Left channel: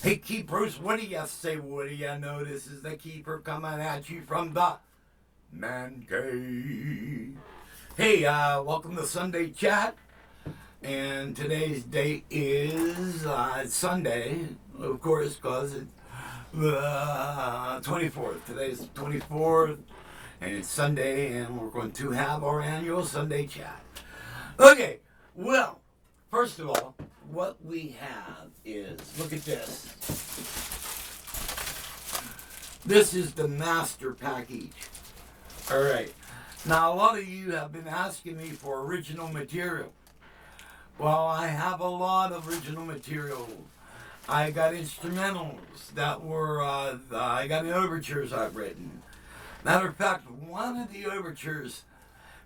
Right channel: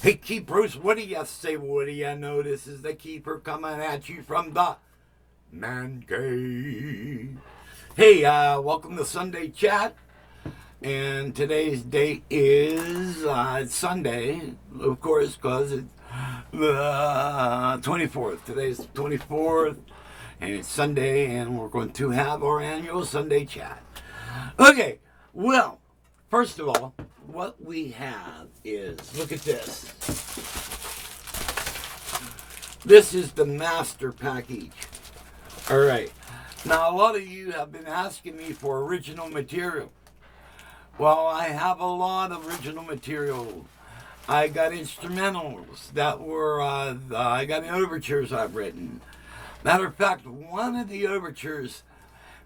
Hey, Keepers, what do you say, Woody? I know this is the Keeper coming at you from the Man Cave. Hey, welcome to Sunday Chat. And today's date is Sunday, of course, because it's the 24th. Today's the 24th, and it's Sunday, and we're going to have our annual Sunday Chat. Okay, well, first of all, what we have is, look at this. This is the master package. All right. Now, a lot of you have been asking me for original material. Well, I have a lot of original material. I got instrumentals that were, I got the overtures I've written. Matter of fact, one of the overtures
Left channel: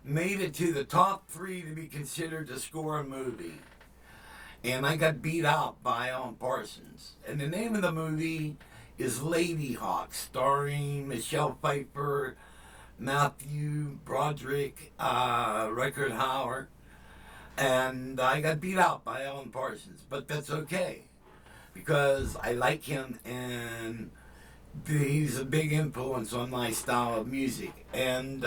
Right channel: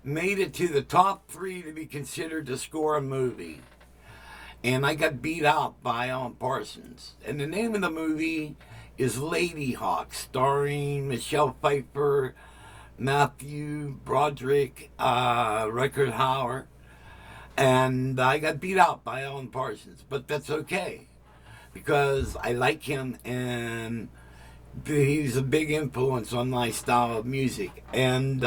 made it to the top 3 to be considered to score a movie. And I got beat out by Alan Parsons. And the name of the movie is Ladyhawke, starring Michelle Pfeiffer, Matthew Broderick, Rutger Hauer. And I got beat out by Alan Parsons. But that's okay, because I like him and he's a big influence on my style of music. And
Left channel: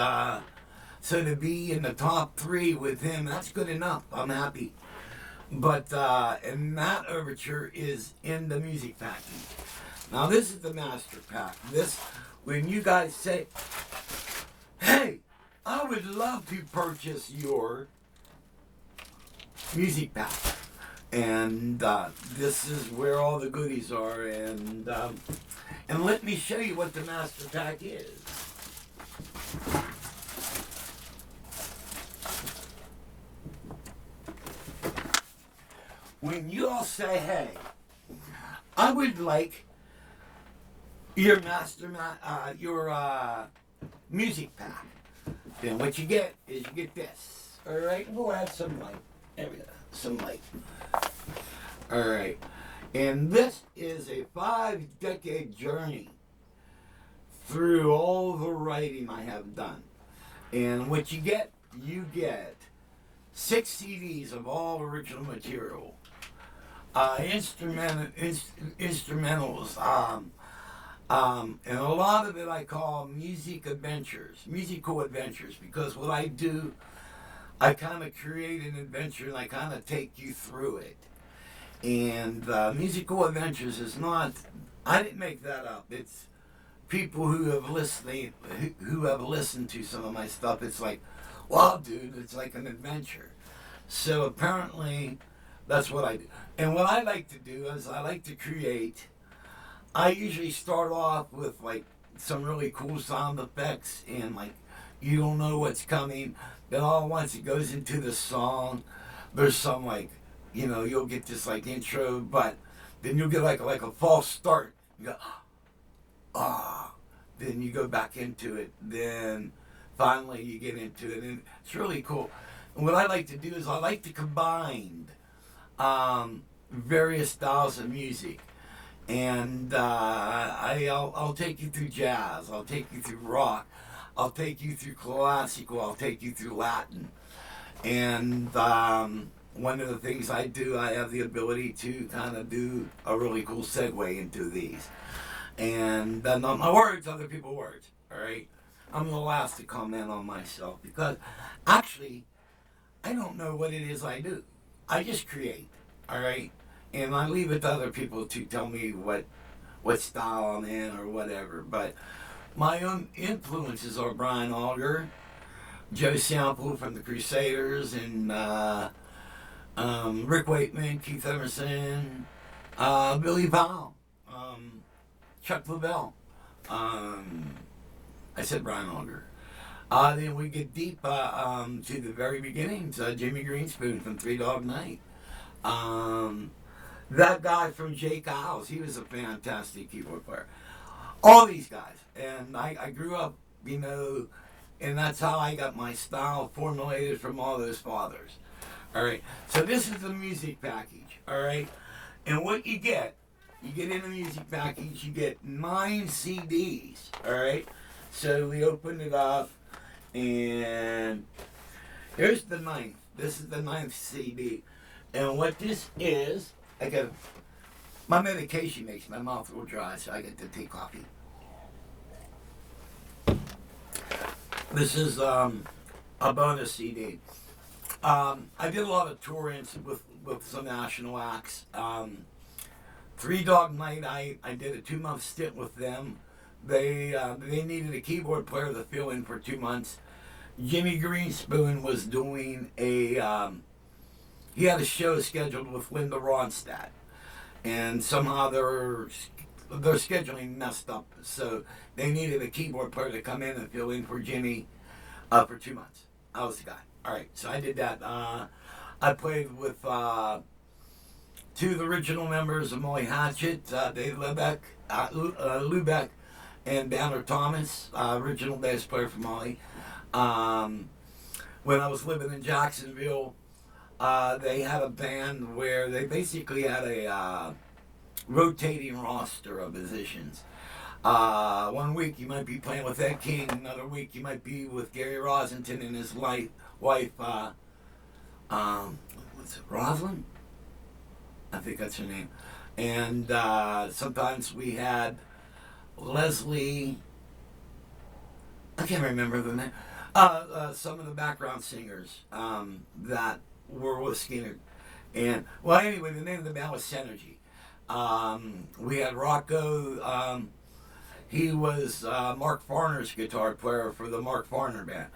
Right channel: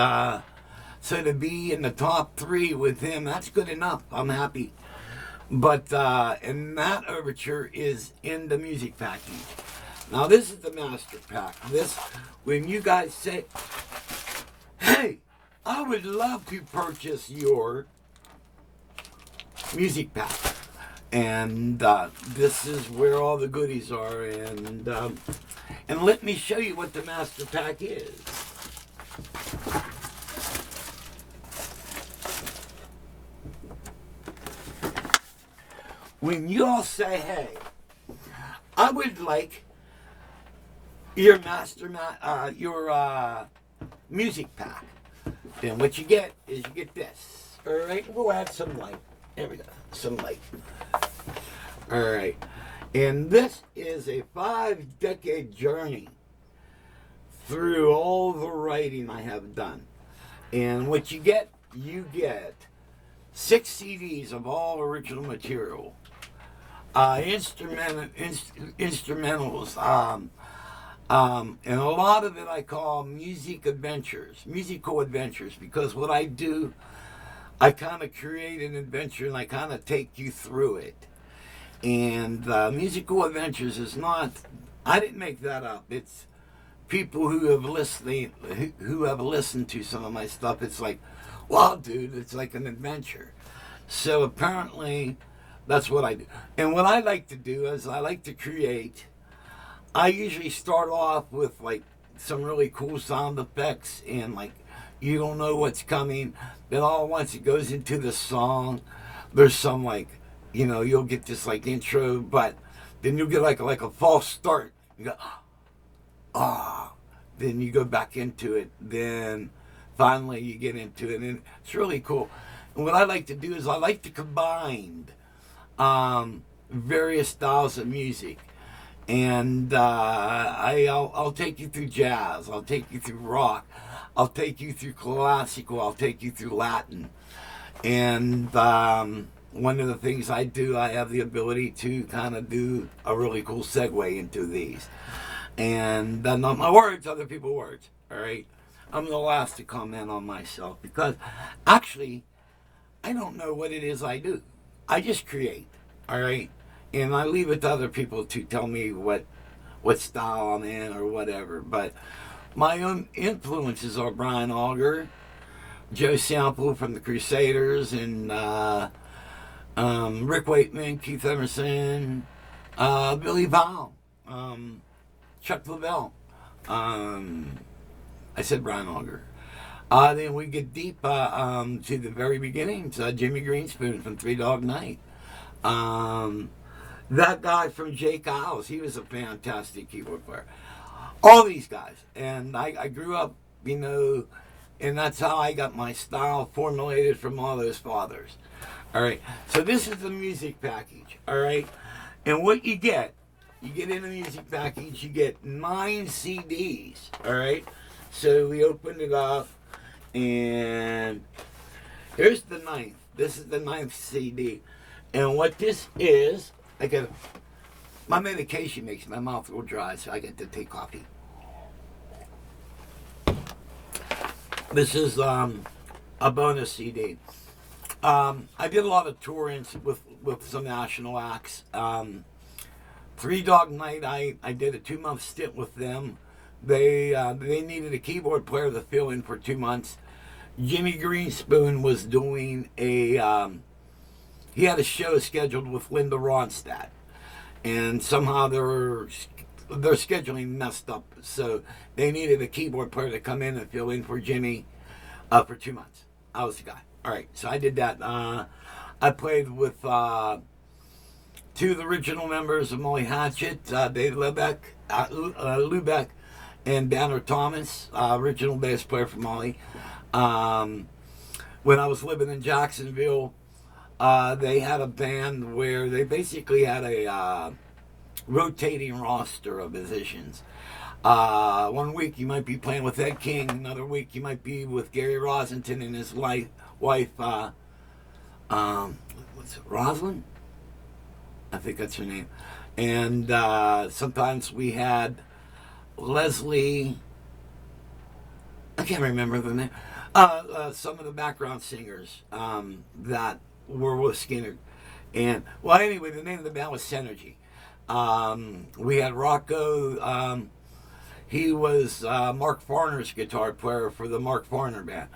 so to be in the top 3 with him, that's good enough. I'm happy. But, and that overture is in the music package. Now, this is the master pack. This, when you guys say, hey, I would love to purchase your music pack. And this is where all the goodies are. And let me show you what the master pack is. When you all say, hey, I would like your music pack, then what you get is you get this. All right, we'll add some light. There we go, some light. All right, and this is a 5-decade journey through all the writing I have done. And what you get 6 CDs of all original material. Instrumentals, and a lot of it I call musical adventures, because what I do, I kind of create an adventure and I kind of take you through it. And musical adventures is not, I didn't make that up. It's people who have listened to some of my stuff. It's like, wow, dude, it's like an adventure. So apparently, that's what I do. And what I like to do is I like to create. I usually start off with like some really cool sound effects and like you don't know what's coming. Then all at once it goes into the song. There's some like, you'll get this like intro, but then you'll get like a false start. You go, ah. Then you go back into it. Then finally you get into it, and it's really cool. And what I like to do is I like to combine various styles of music, and I'll take you through jazz, I'll take you through rock, I'll take you through classical, I'll take you through Latin, and one of the things I do, I have the ability to kind of do a really cool segue into these, and not my words, other people's words. All right, I'm the last to comment on myself because actually I don't know what it is I do. I just create, all right? And I leave it to other people to tell me what style I'm in or whatever. But my own influences are Brian Auger, Joe Sample from the Crusaders, and Rick Wakeman, Keith Emerson, Billy Powell, Chuck LaBelle. I said Brian Auger. Then we get deep to the very beginnings. Jimmy Greenspoon from Three Dog Night. That guy from Jake Isles, he was a fantastic keyboard player. All these guys. And I grew up, and that's how I got my style formulated from all those fathers. All right. So this is the music package. All right. And what you get in the music package, you get 9 CDs. All right. So we opened it up. And here's the 9th. This is the 9th CD. And what this is, I got My medication makes my mouth go dry, so I get to take coffee. This is a bonus CD. I did a lot of touring with some national acts. Three Dog Night, I did a 2-month stint with them. They needed a keyboard player to fill in for 2 months. Jimmy Greenspoon was doing he had a show scheduled with Linda Ronstadt, and somehow their scheduling messed up, so they needed a keyboard player to come in and fill in for Jimmy for 2 months. I was the guy. All right, so I did that. I played with two of the original members of Molly Hatchet, Dave Lubeck, and Banner Thomas, original bass player for Molly. When I was living in Jacksonville, they had a band where they basically had a rotating roster of musicians. 1 week you might be playing with Ed King, another week you might be with Gary Rosenthal and his wife, what's it, Rosalind? I think that's her name. And sometimes we had Leslie, I can't remember the name, some of the background singers that were with Skinner. And, well, anyway, the name of the band was Synergy. We had Rocco, he was Mark Farner's guitar player for the Mark Farner band.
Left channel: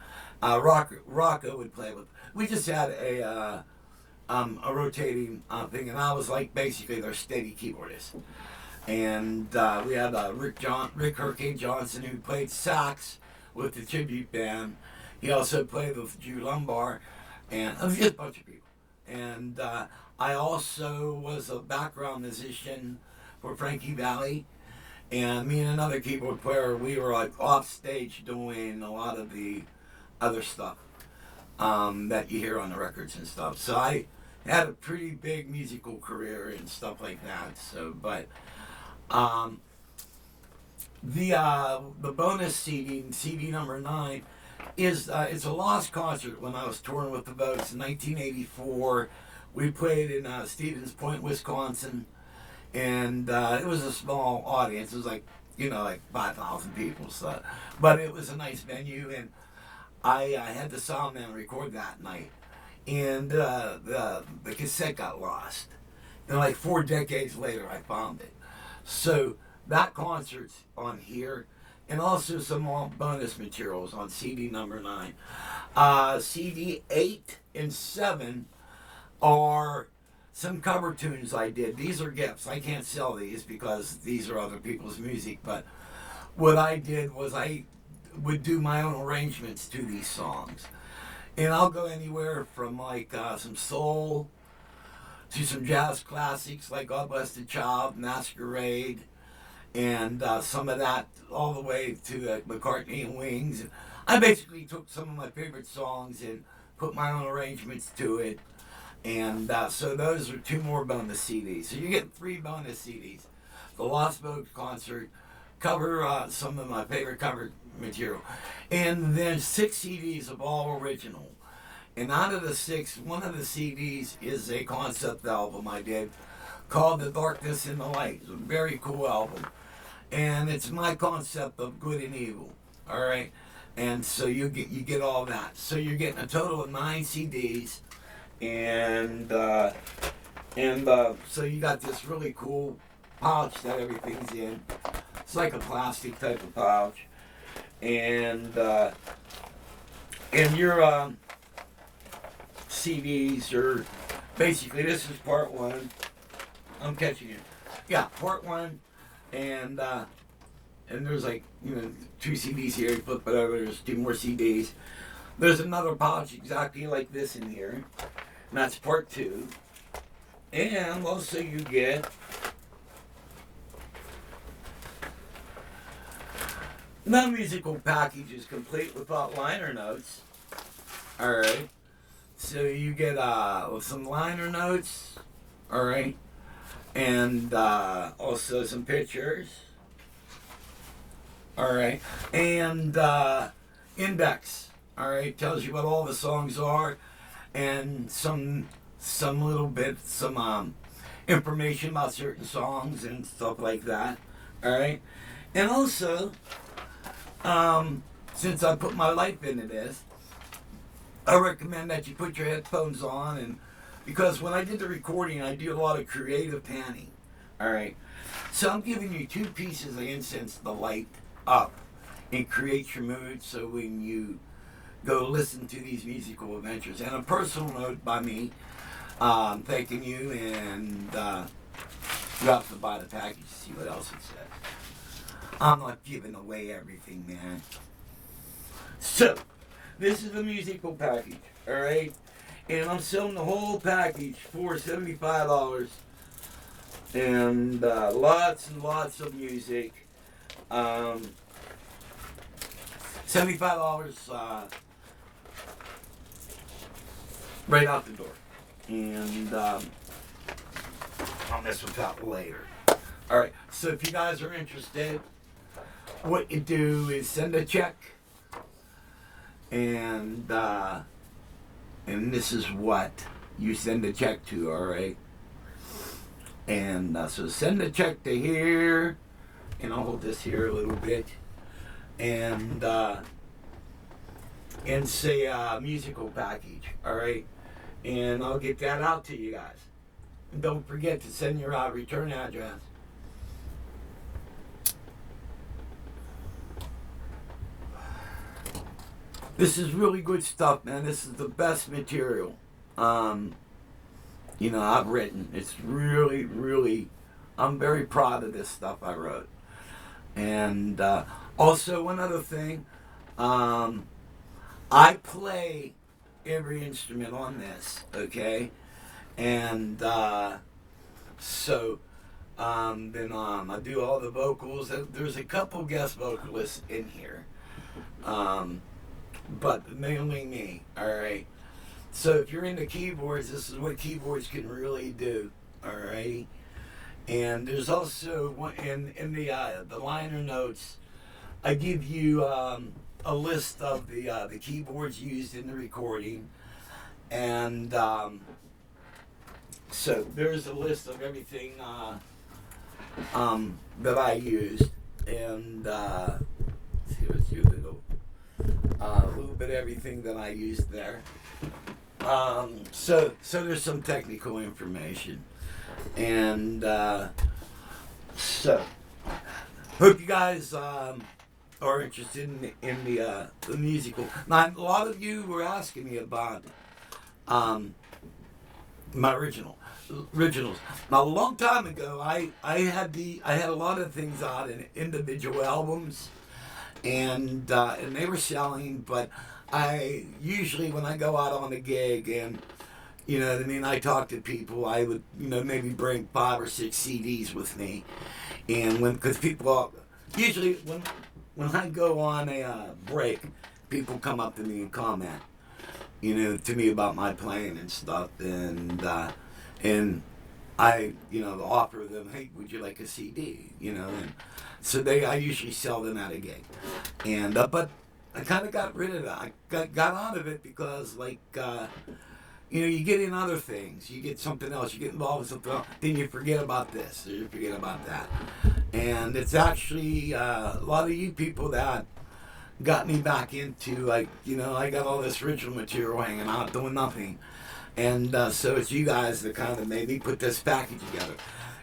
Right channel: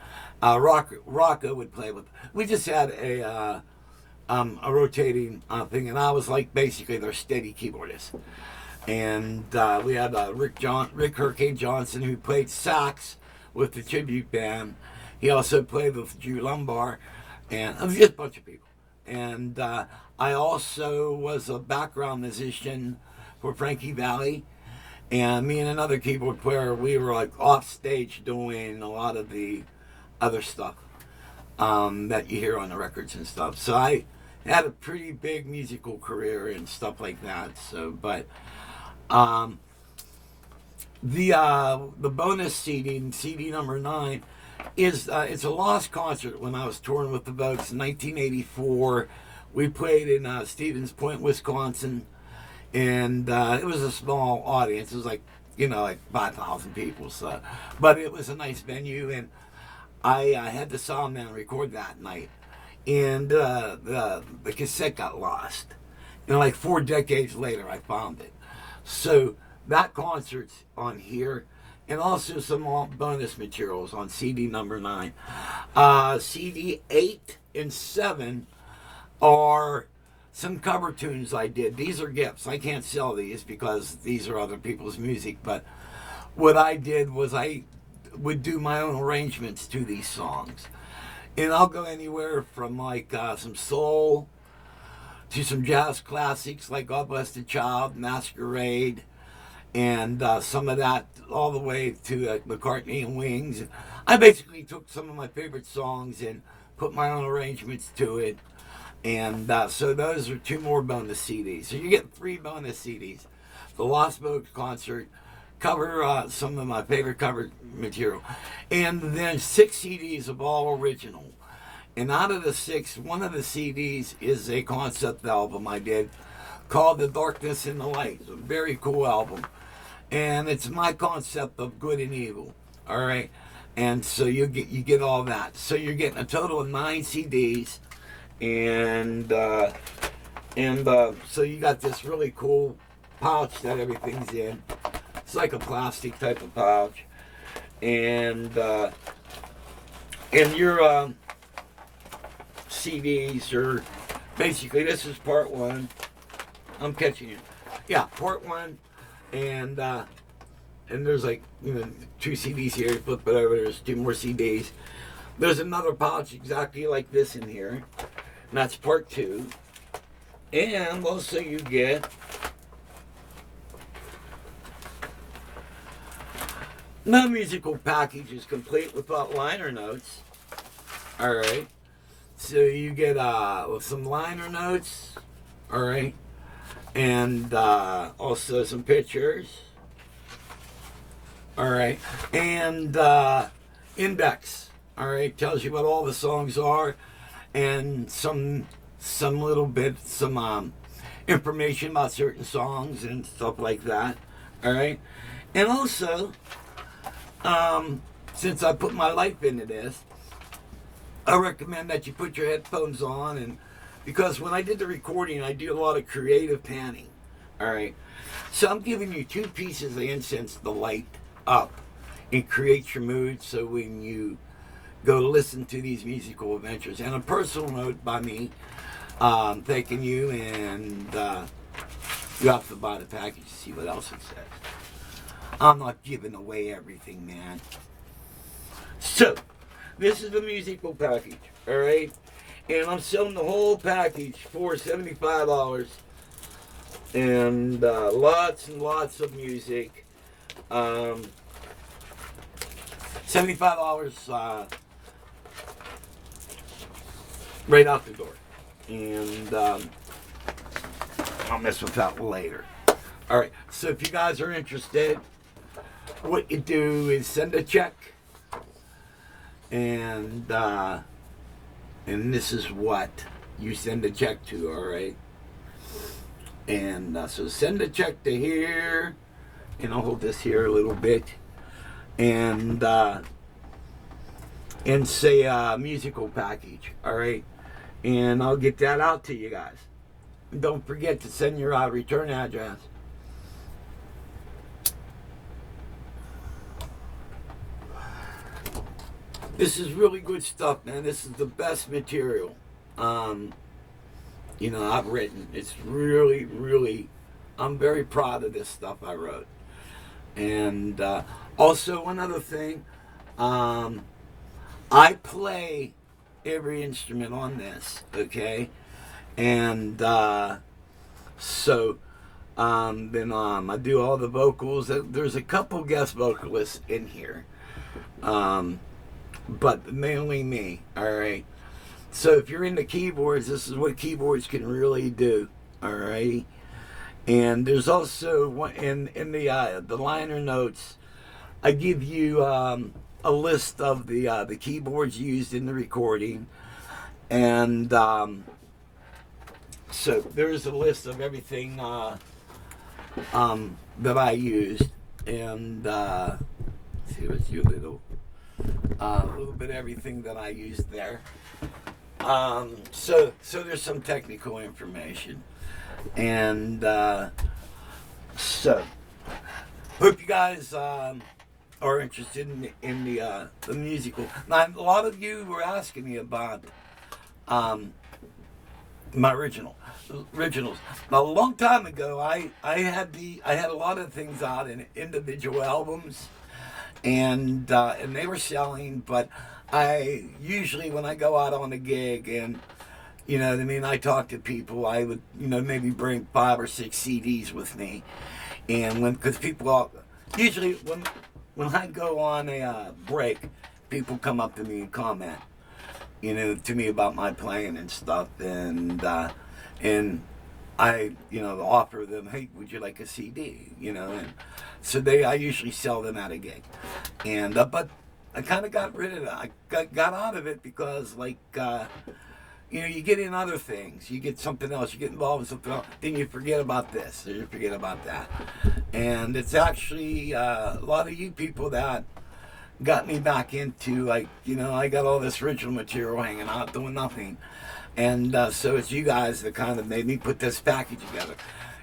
Rocco would play with, we just had a rotating thing, and I was like basically their steady keyboardist. And we had Rick Hurricane Johnson, who played sax with the tribute band. He also played with Drew Lumbar, and just a bunch of people. And I also was a background musician for Frankie Valli, and me and another keyboard player, we were like off stage doing a lot of the other stuff that you hear on the records and stuff. So I had a pretty big musical career and stuff like that. So, but the bonus CD number 9, is it's a lost concert. When I was touring with the Vogues in 1984, we played in Stevens Point, Wisconsin, and it was a small audience. It was like, like 5,000 people. So, but it was a nice venue, and I had the sound man record that night, and the cassette got lost. And like 4 decades later, I found it. So that concert's on here, and also some bonus materials on CD number 9. CD 8 and 7 are some cover tunes I did. These are gifts. I can't sell these because these are other people's music, but what I did was I would do my own arrangements to these songs. And I'll go anywhere from like some soul to some jazz classics like God Bless the Child, Masquerade, and some of that all the way to McCartney and Wings. I basically took some of my favorite songs and put my own arrangements to it. And so those are 2 more bonus CDs. So you're getting 3 bonus CDs. The Lost Vogues concert, cover some of my favorite cover material, and then 6 CDs of all original. And out of the 6, one of the CDs is a concept album I did called The Darkness and the Light. It's a very cool album, and it's my concept of good and evil. All right, and so you get all that. So you're getting a total of 9 CDs, and so you got this really cool pouch that everything's in. It's like a plastic type of pouch, and your CDs are basically, this is part 1. I'm catching it. Yeah, part 1, and there's like 2 CDs here. You flip it over. There's 2 more CDs. There's another pouch exactly like this in here, and that's part 2. And also you get no musical package is complete without liner notes. All right. So you get some liner notes, all right, and also some pictures, all right, and index, all right, tells you what all the songs are, and some little bit, information about certain songs and stuff like that. All right, and also, since I put my life into this, I recommend that you put your headphones on, and because when I did the recording, I do a lot of creative panning. All right, so I'm giving you 2 pieces of incense to light up and create your mood. So when you go listen to these musical adventures, and a personal note by me, thanking you, and you have to buy the package to see what else it says. I'm not giving away everything, man. So, this is the musical package, alright? And I'm selling the whole package for $75. And lots and lots of music. $75 right out the door. And I'll mess with that later. Alright, so if you guys are interested, what you do is send a check. And this is what you send a check to, alright? And so send a check to here, and I'll hold this here a little bit, and say musical package, alright? And I'll get that out to you guys. And don't forget to send your return address. This is really good stuff, man. This is the best material, I've written. It's really, really, I'm very proud of this stuff I wrote. And also, one other thing, I play every instrument on this, okay? And so then I do all the vocals. There's a couple guest vocalists in here. But mainly me, alright? So if you're into keyboards, this is what keyboards can really do, alright? And there's also, in the liner notes, I give you a list of the keyboards used in the recording. And so there's a list of everything that I used. And see what's your little... a little bit of everything that I used there. So there's some technical information, and so hope you guys are interested in the musical. Now, a lot of you were asking me about my originals. Now, a long time ago, I had a lot of things out in individual albums. And they were selling, but I usually, when I go out on a gig, and I talk to people, I would maybe bring 5 or 6 CDs with me, and because people usually when I go on a break, people come up to me and comment to me about my playing and stuff, and I offer them, hey, would you like a CD, and so I usually sell them at a gig. And but I kind of got rid of it. I got out of it because, you get in other things. You get something else. You get involved in something else. Then you forget about this, or you forget about that. And it's actually a lot of you people that got me back into, I got all this original material hanging out, doing nothing. And so it's you guys that kind of made me put this package together.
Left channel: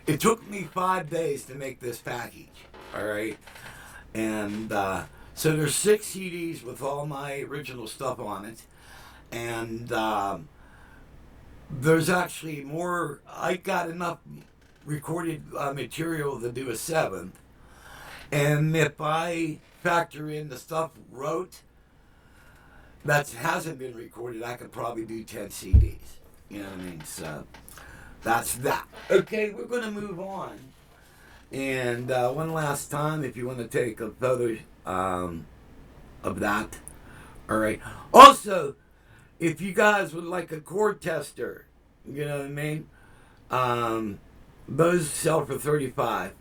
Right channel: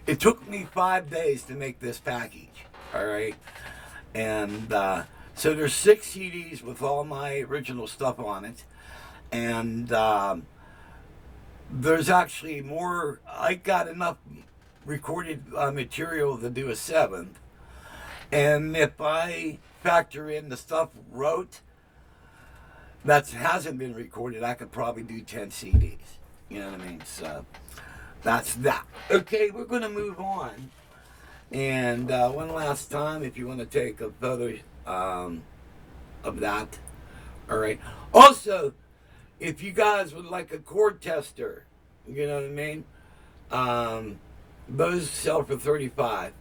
It took me 5 days to make this package. All right, and so there's 6 CDs with all my original stuff on it, and there's actually more. I got enough recorded material to do a 7th, and if I factor in the stuff wrote that hasn't been recorded, I could probably do 10 CDs. You know what I mean? So that's that. Okay, we're gonna move on. And one last time, if you want to take a photo of that. All right. Also, if you guys would like a chord tester, you know what I mean? Those sell for $35,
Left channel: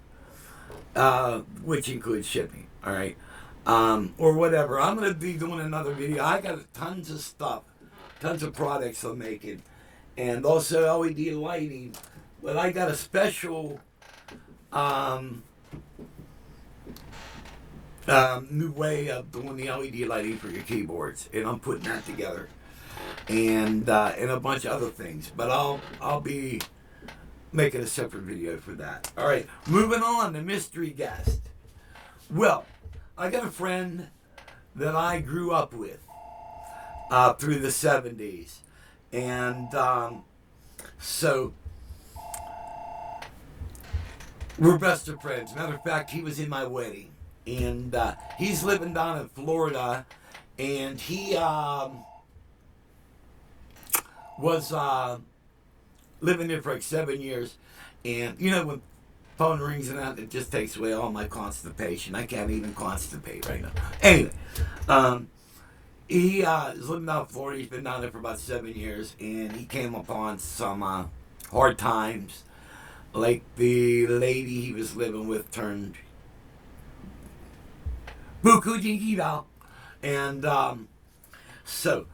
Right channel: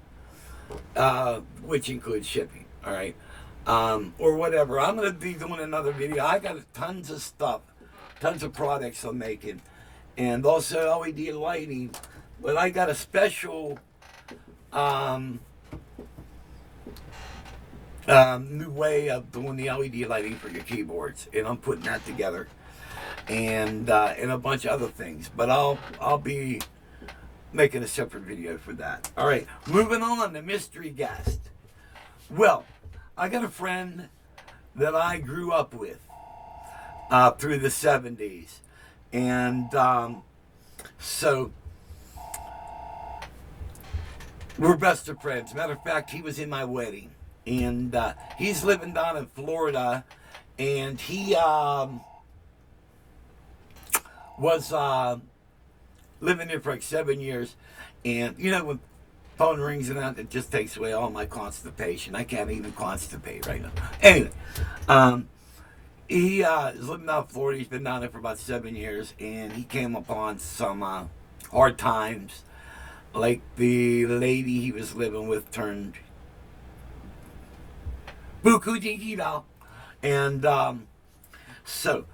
which includes shipping. All right. Or whatever. I'm going to be doing another video. I got tons of stuff, tons of products I'm making. And also LED lighting But I got a special new way of doing the LED lighting for your keyboards, and I'm putting that together, and a bunch of other things. But I'll be making a separate video for that. All right, moving on, the mystery guest. Well, I got a friend that I grew up with through the 70s, and so we're best of friends. Matter of fact, he was in my wedding, and he's living down in Florida, and he was living there for like 7 years. And you know, when phone rings and that, it just takes away all my constipation. I can't even constipate right now. Anyway, he is living down in Florida. He's been down there for about 7 years, and he came upon some hard times. Like the lady he was living with turned buku jingida. And so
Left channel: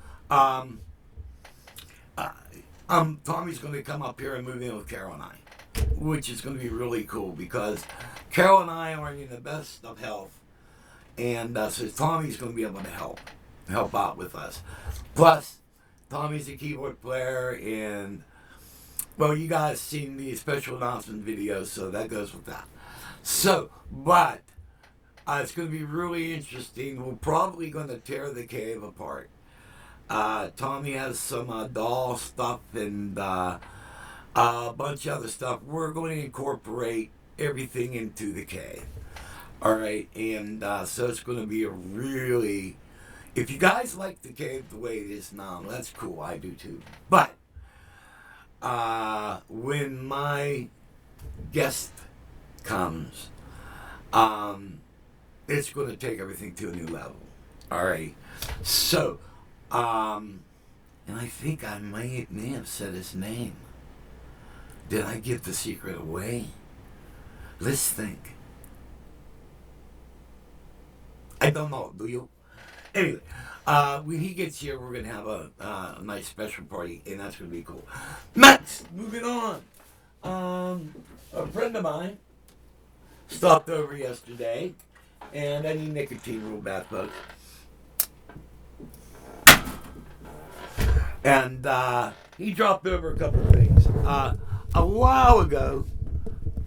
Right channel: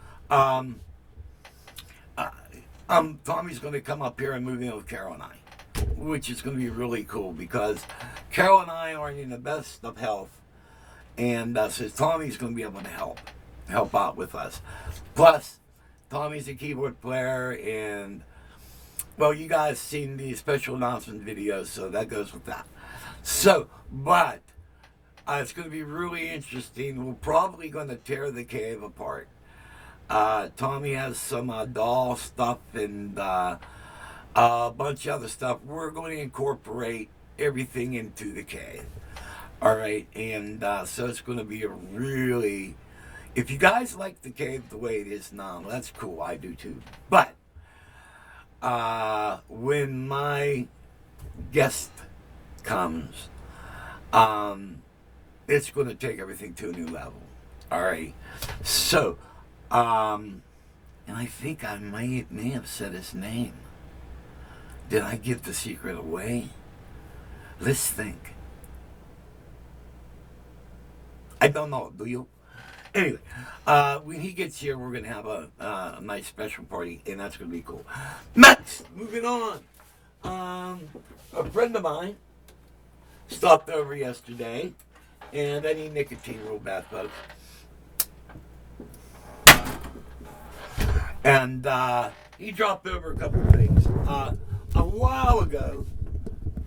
Tommy's going to come up here and move in with Carol and I, which is going to be really cool because Carol and I are in the best of health, and so Tommy's going to be able to help out with us. Plus, Tommy's a keyboard player, and well, you guys seen the special announcement videos, so that goes with that. So, but it's going to be really interesting. We're probably going to tear the cave apart. Tommy has some doll stuff and a bunch of other stuff. We're going to incorporate everything into the cave. All right, and so it's going to be a really... If you guys like the cave the way it is now, that's cool. I do too. But when my guest comes, it's going to take everything to a new level. All right. So, and I think I may have said his name. Did I give the secret away? Let's think. I don't know. Do you? Anyway, when he gets here, we're going to have a nice special party, and that's going to be cool. Next, moving on. A friend of mine stopped over yesterday, and I need nicotine real bad, folks. And he dropped over a couple things a while ago,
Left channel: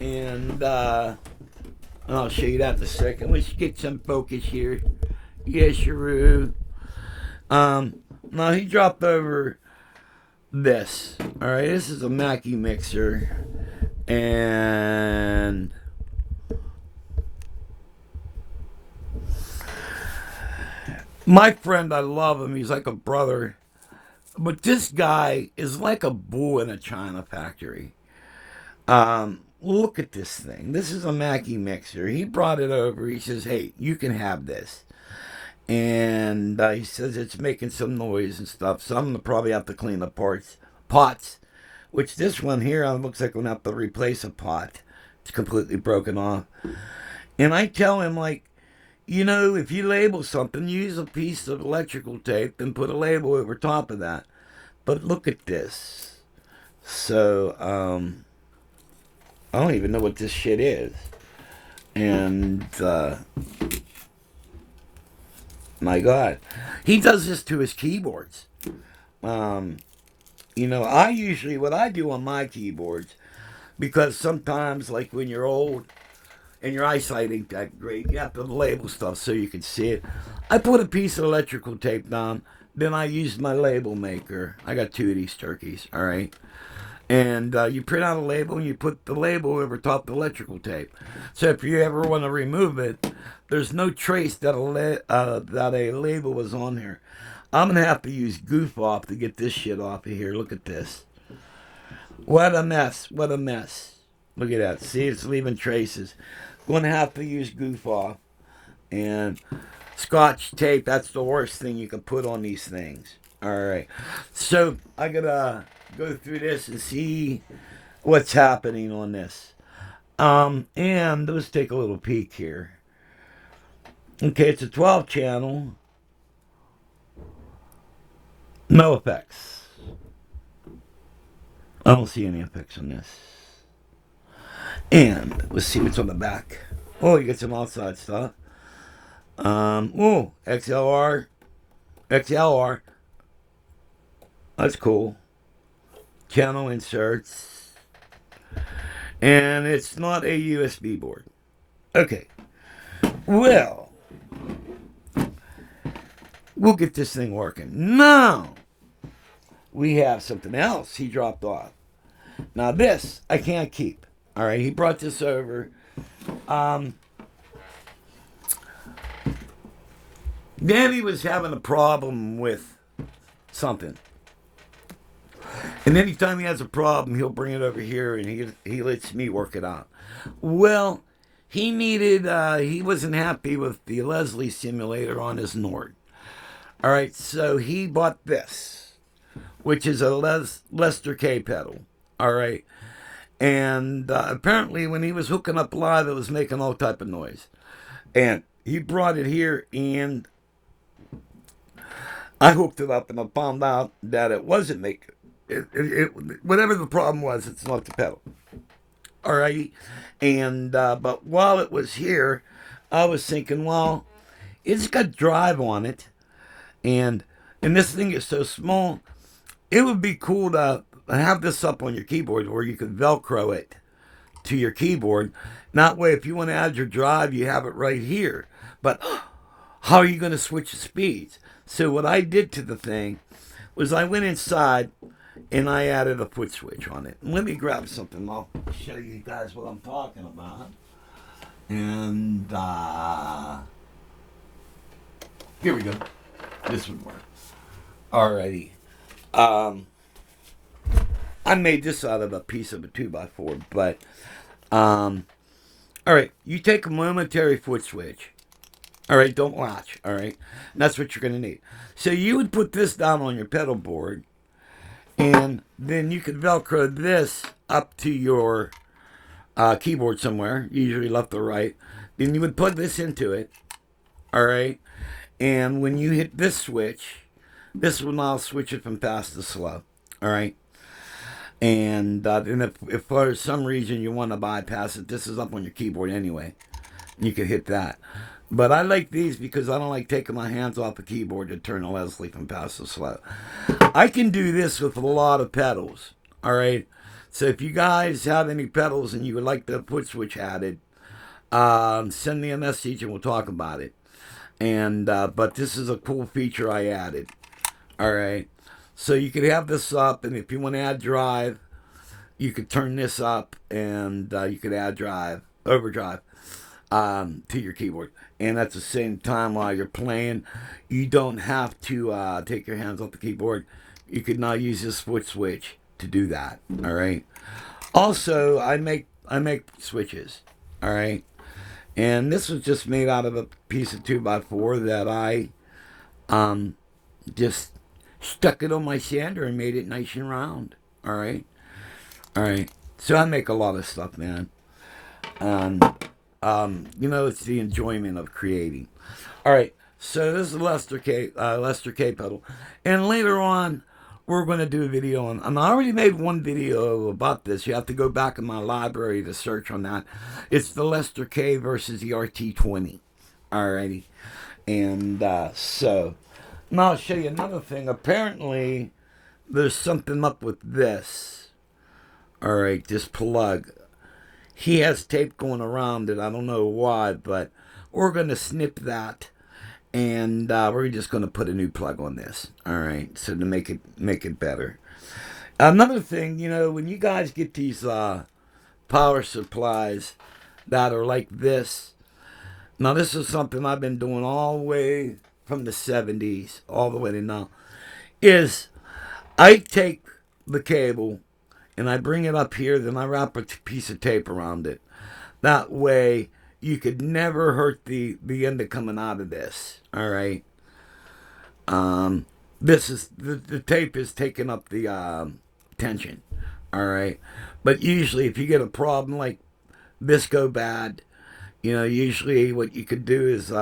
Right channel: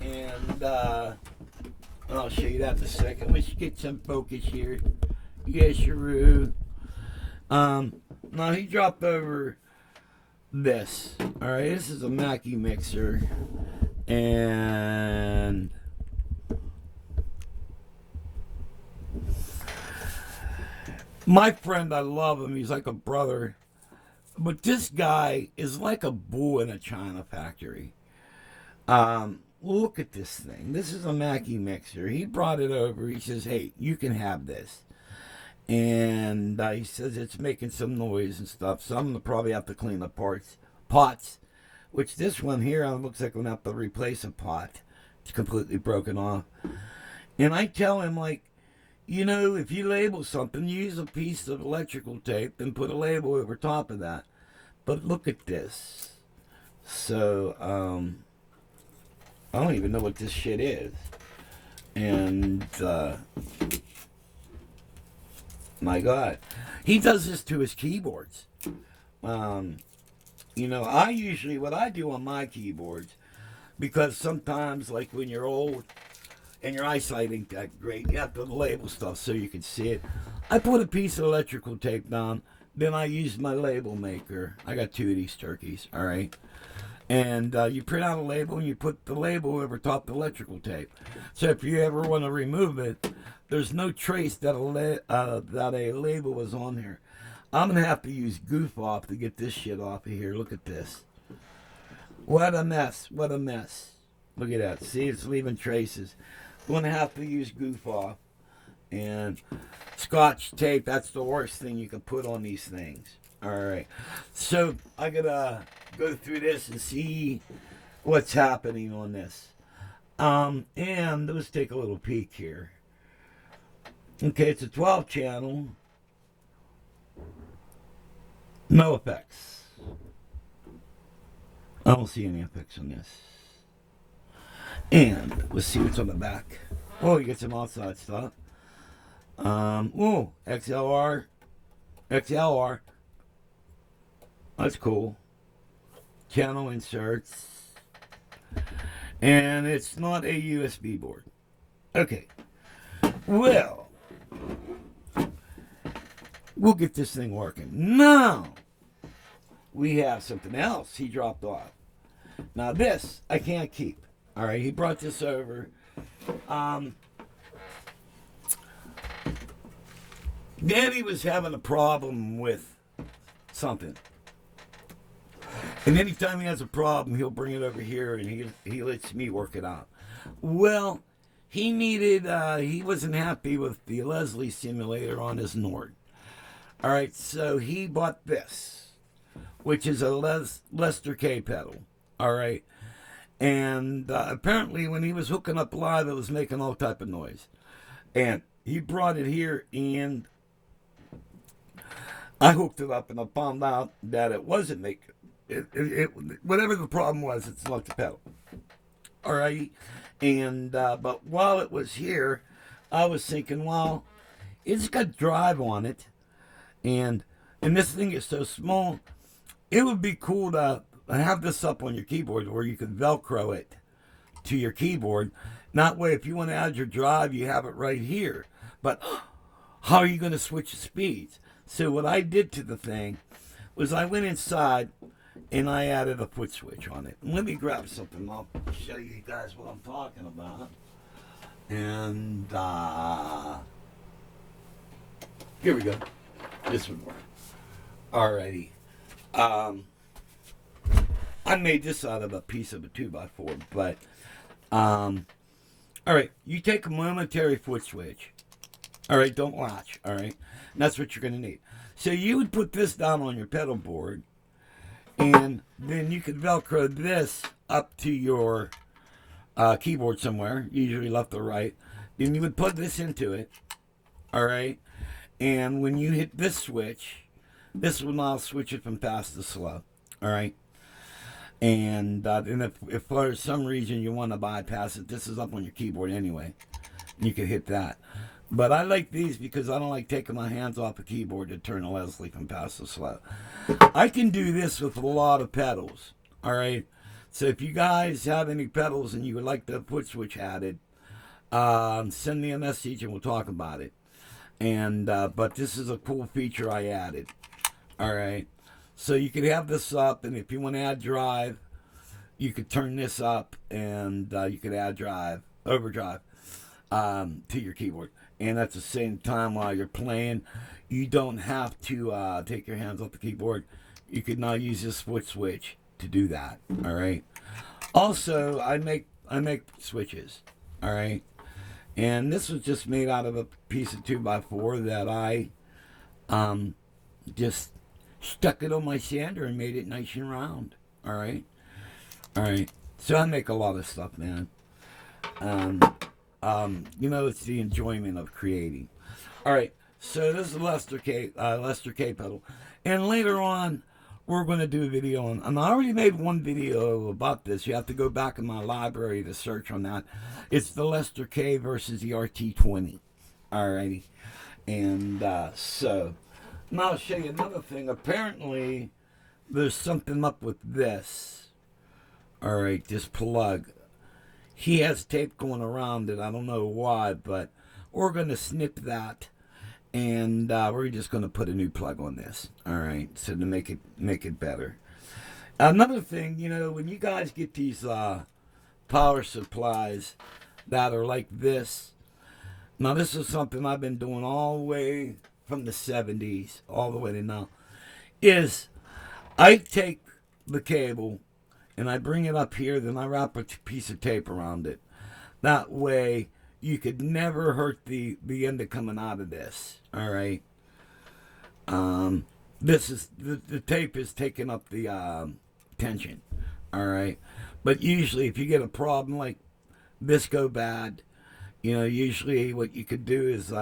and I'll show you that in a second. Let's get some focus here. Yes, Sharu. Now he dropped over this. All right, this is a Mackie mixer, and my friend, I love him. He's like a brother, but this guy is like a bull in a china factory. Look at this thing. This is a Mackie mixer. He brought it over. He says, "Hey, you can have this." And he says it's making some noise and stuff, so I'm gonna probably have to clean the pots. Which this one here looks like I'm gonna have to replace a pot. It's completely broken off. And I tell him, like, you know, if you label something, use a piece of electrical tape and put a label over top of that. But look at this. So I don't even know what this shit is, and my God, he does this to his keyboards. You know, what I do on my keyboards, because sometimes, like when you're old and your eyesight ain't that great, you have to label stuff so you can see it. I put a piece of electrical tape down, then I use my label maker. I got 2 of these turkeys, all right? And you print out a label and you put the label over top the electrical tape. So if you ever want to remove it, there's no trace that a label was on there. I'm going to have to use Goof Off to get this shit off of here. Look at this. What a mess. What a mess. Look at that. See, it's leaving traces. Going to have to use Goof Off. And Scotch tape, that's the worst thing you can put on these things. All right. So I got to go through this and see what's happening on this. And let's take a little peek here. Okay, it's a 12 channel. No effects. I don't see any effects on this. And let's see what's on the back. Oh, you got some outside stuff. Oh, XLR. That's cool. Channel inserts. And it's not a USB board. Okay. Well, we'll get this thing working. Now, we have something else he dropped off. Now, this I can't keep. All right, he brought this over. Danny was having a problem with something. And anytime he has a problem, he'll bring it over here and he lets me work it out. Well, he wasn't happy with the Leslie simulator on his Nord. All right, so he bought this, which is a Lester K pedal. All right. And apparently when he was hooking up live, it was making all type of noise. And he brought it here, and I hooked it up, and I found out that it wasn't making whatever the problem was, it's not the pedal. All right. And but while it was here, I was thinking, well, it's got drive on it, and this thing is so small, it would be cool to have this up on your keyboard where you could Velcro it to your keyboard. That way, if you want to add your drive, you have it right here. But how are you going to switch the speeds? So what I did to the thing was I went inside and I added a foot switch on it. Let me grab something. I'll show you guys what I'm talking about. And here we go. This would work. Alrighty. I made this out of a piece of a 2x4, but alright, you take a momentary foot switch. Alright, don't latch, alright? That's what you're gonna need. So you would put this down on your pedal board, and then you could Velcro this up to your keyboard somewhere, usually left or right. Then you would plug this into it, alright? And when you hit this switch, this will now switch it from fast to slow, alright? And if for some reason you want to bypass it, this is up on your keyboard anyway. You can hit that. But I like these because I don't like taking my hands off the keyboard to turn the Leslie from fast to slow. I can do this with a lot of pedals. Alright? So if you guys have any pedals and you would like the foot switch added, send me a message and we'll talk about it. And but this is a cool feature I added. Alright? So you could have this up, and if you want to add drive, you could turn this up, and you could add overdrive, to your keyboard. And at the same time, while you're playing, you don't have to take your hands off the keyboard. You could now use this foot switch to do that. All right. Also, I make switches. All right. And this was just made out of a piece of 2x4 that I just stuck it on my sander and made it nice and round. All right. So I make a lot of stuff, man. It's the enjoyment of creating. All right. So this is Lester K pedal, and later on we're going to do a video on. I already made one video about this. You have to go back in my library to search on that. It's the Lester K versus the RT20. Alrighty, and so. Now I'll show you another thing. Apparently, there's something up with this. Alright, this plug. He has tape going around it. I don't know why, but we're going to snip that. And we're just going to put a new plug on this. Alright, so to make it better. Another thing, when you guys get these power supplies that are like this. Now this is something I've been doing all the way from the 70s all the way to now, is I take the cable and I bring it up here, then I wrap a piece of tape around it. That way you could never hurt the end of coming out of this. All right. This is the tape is taking up the tension. All right. But usually if you get a problem like this go bad, usually what you could do is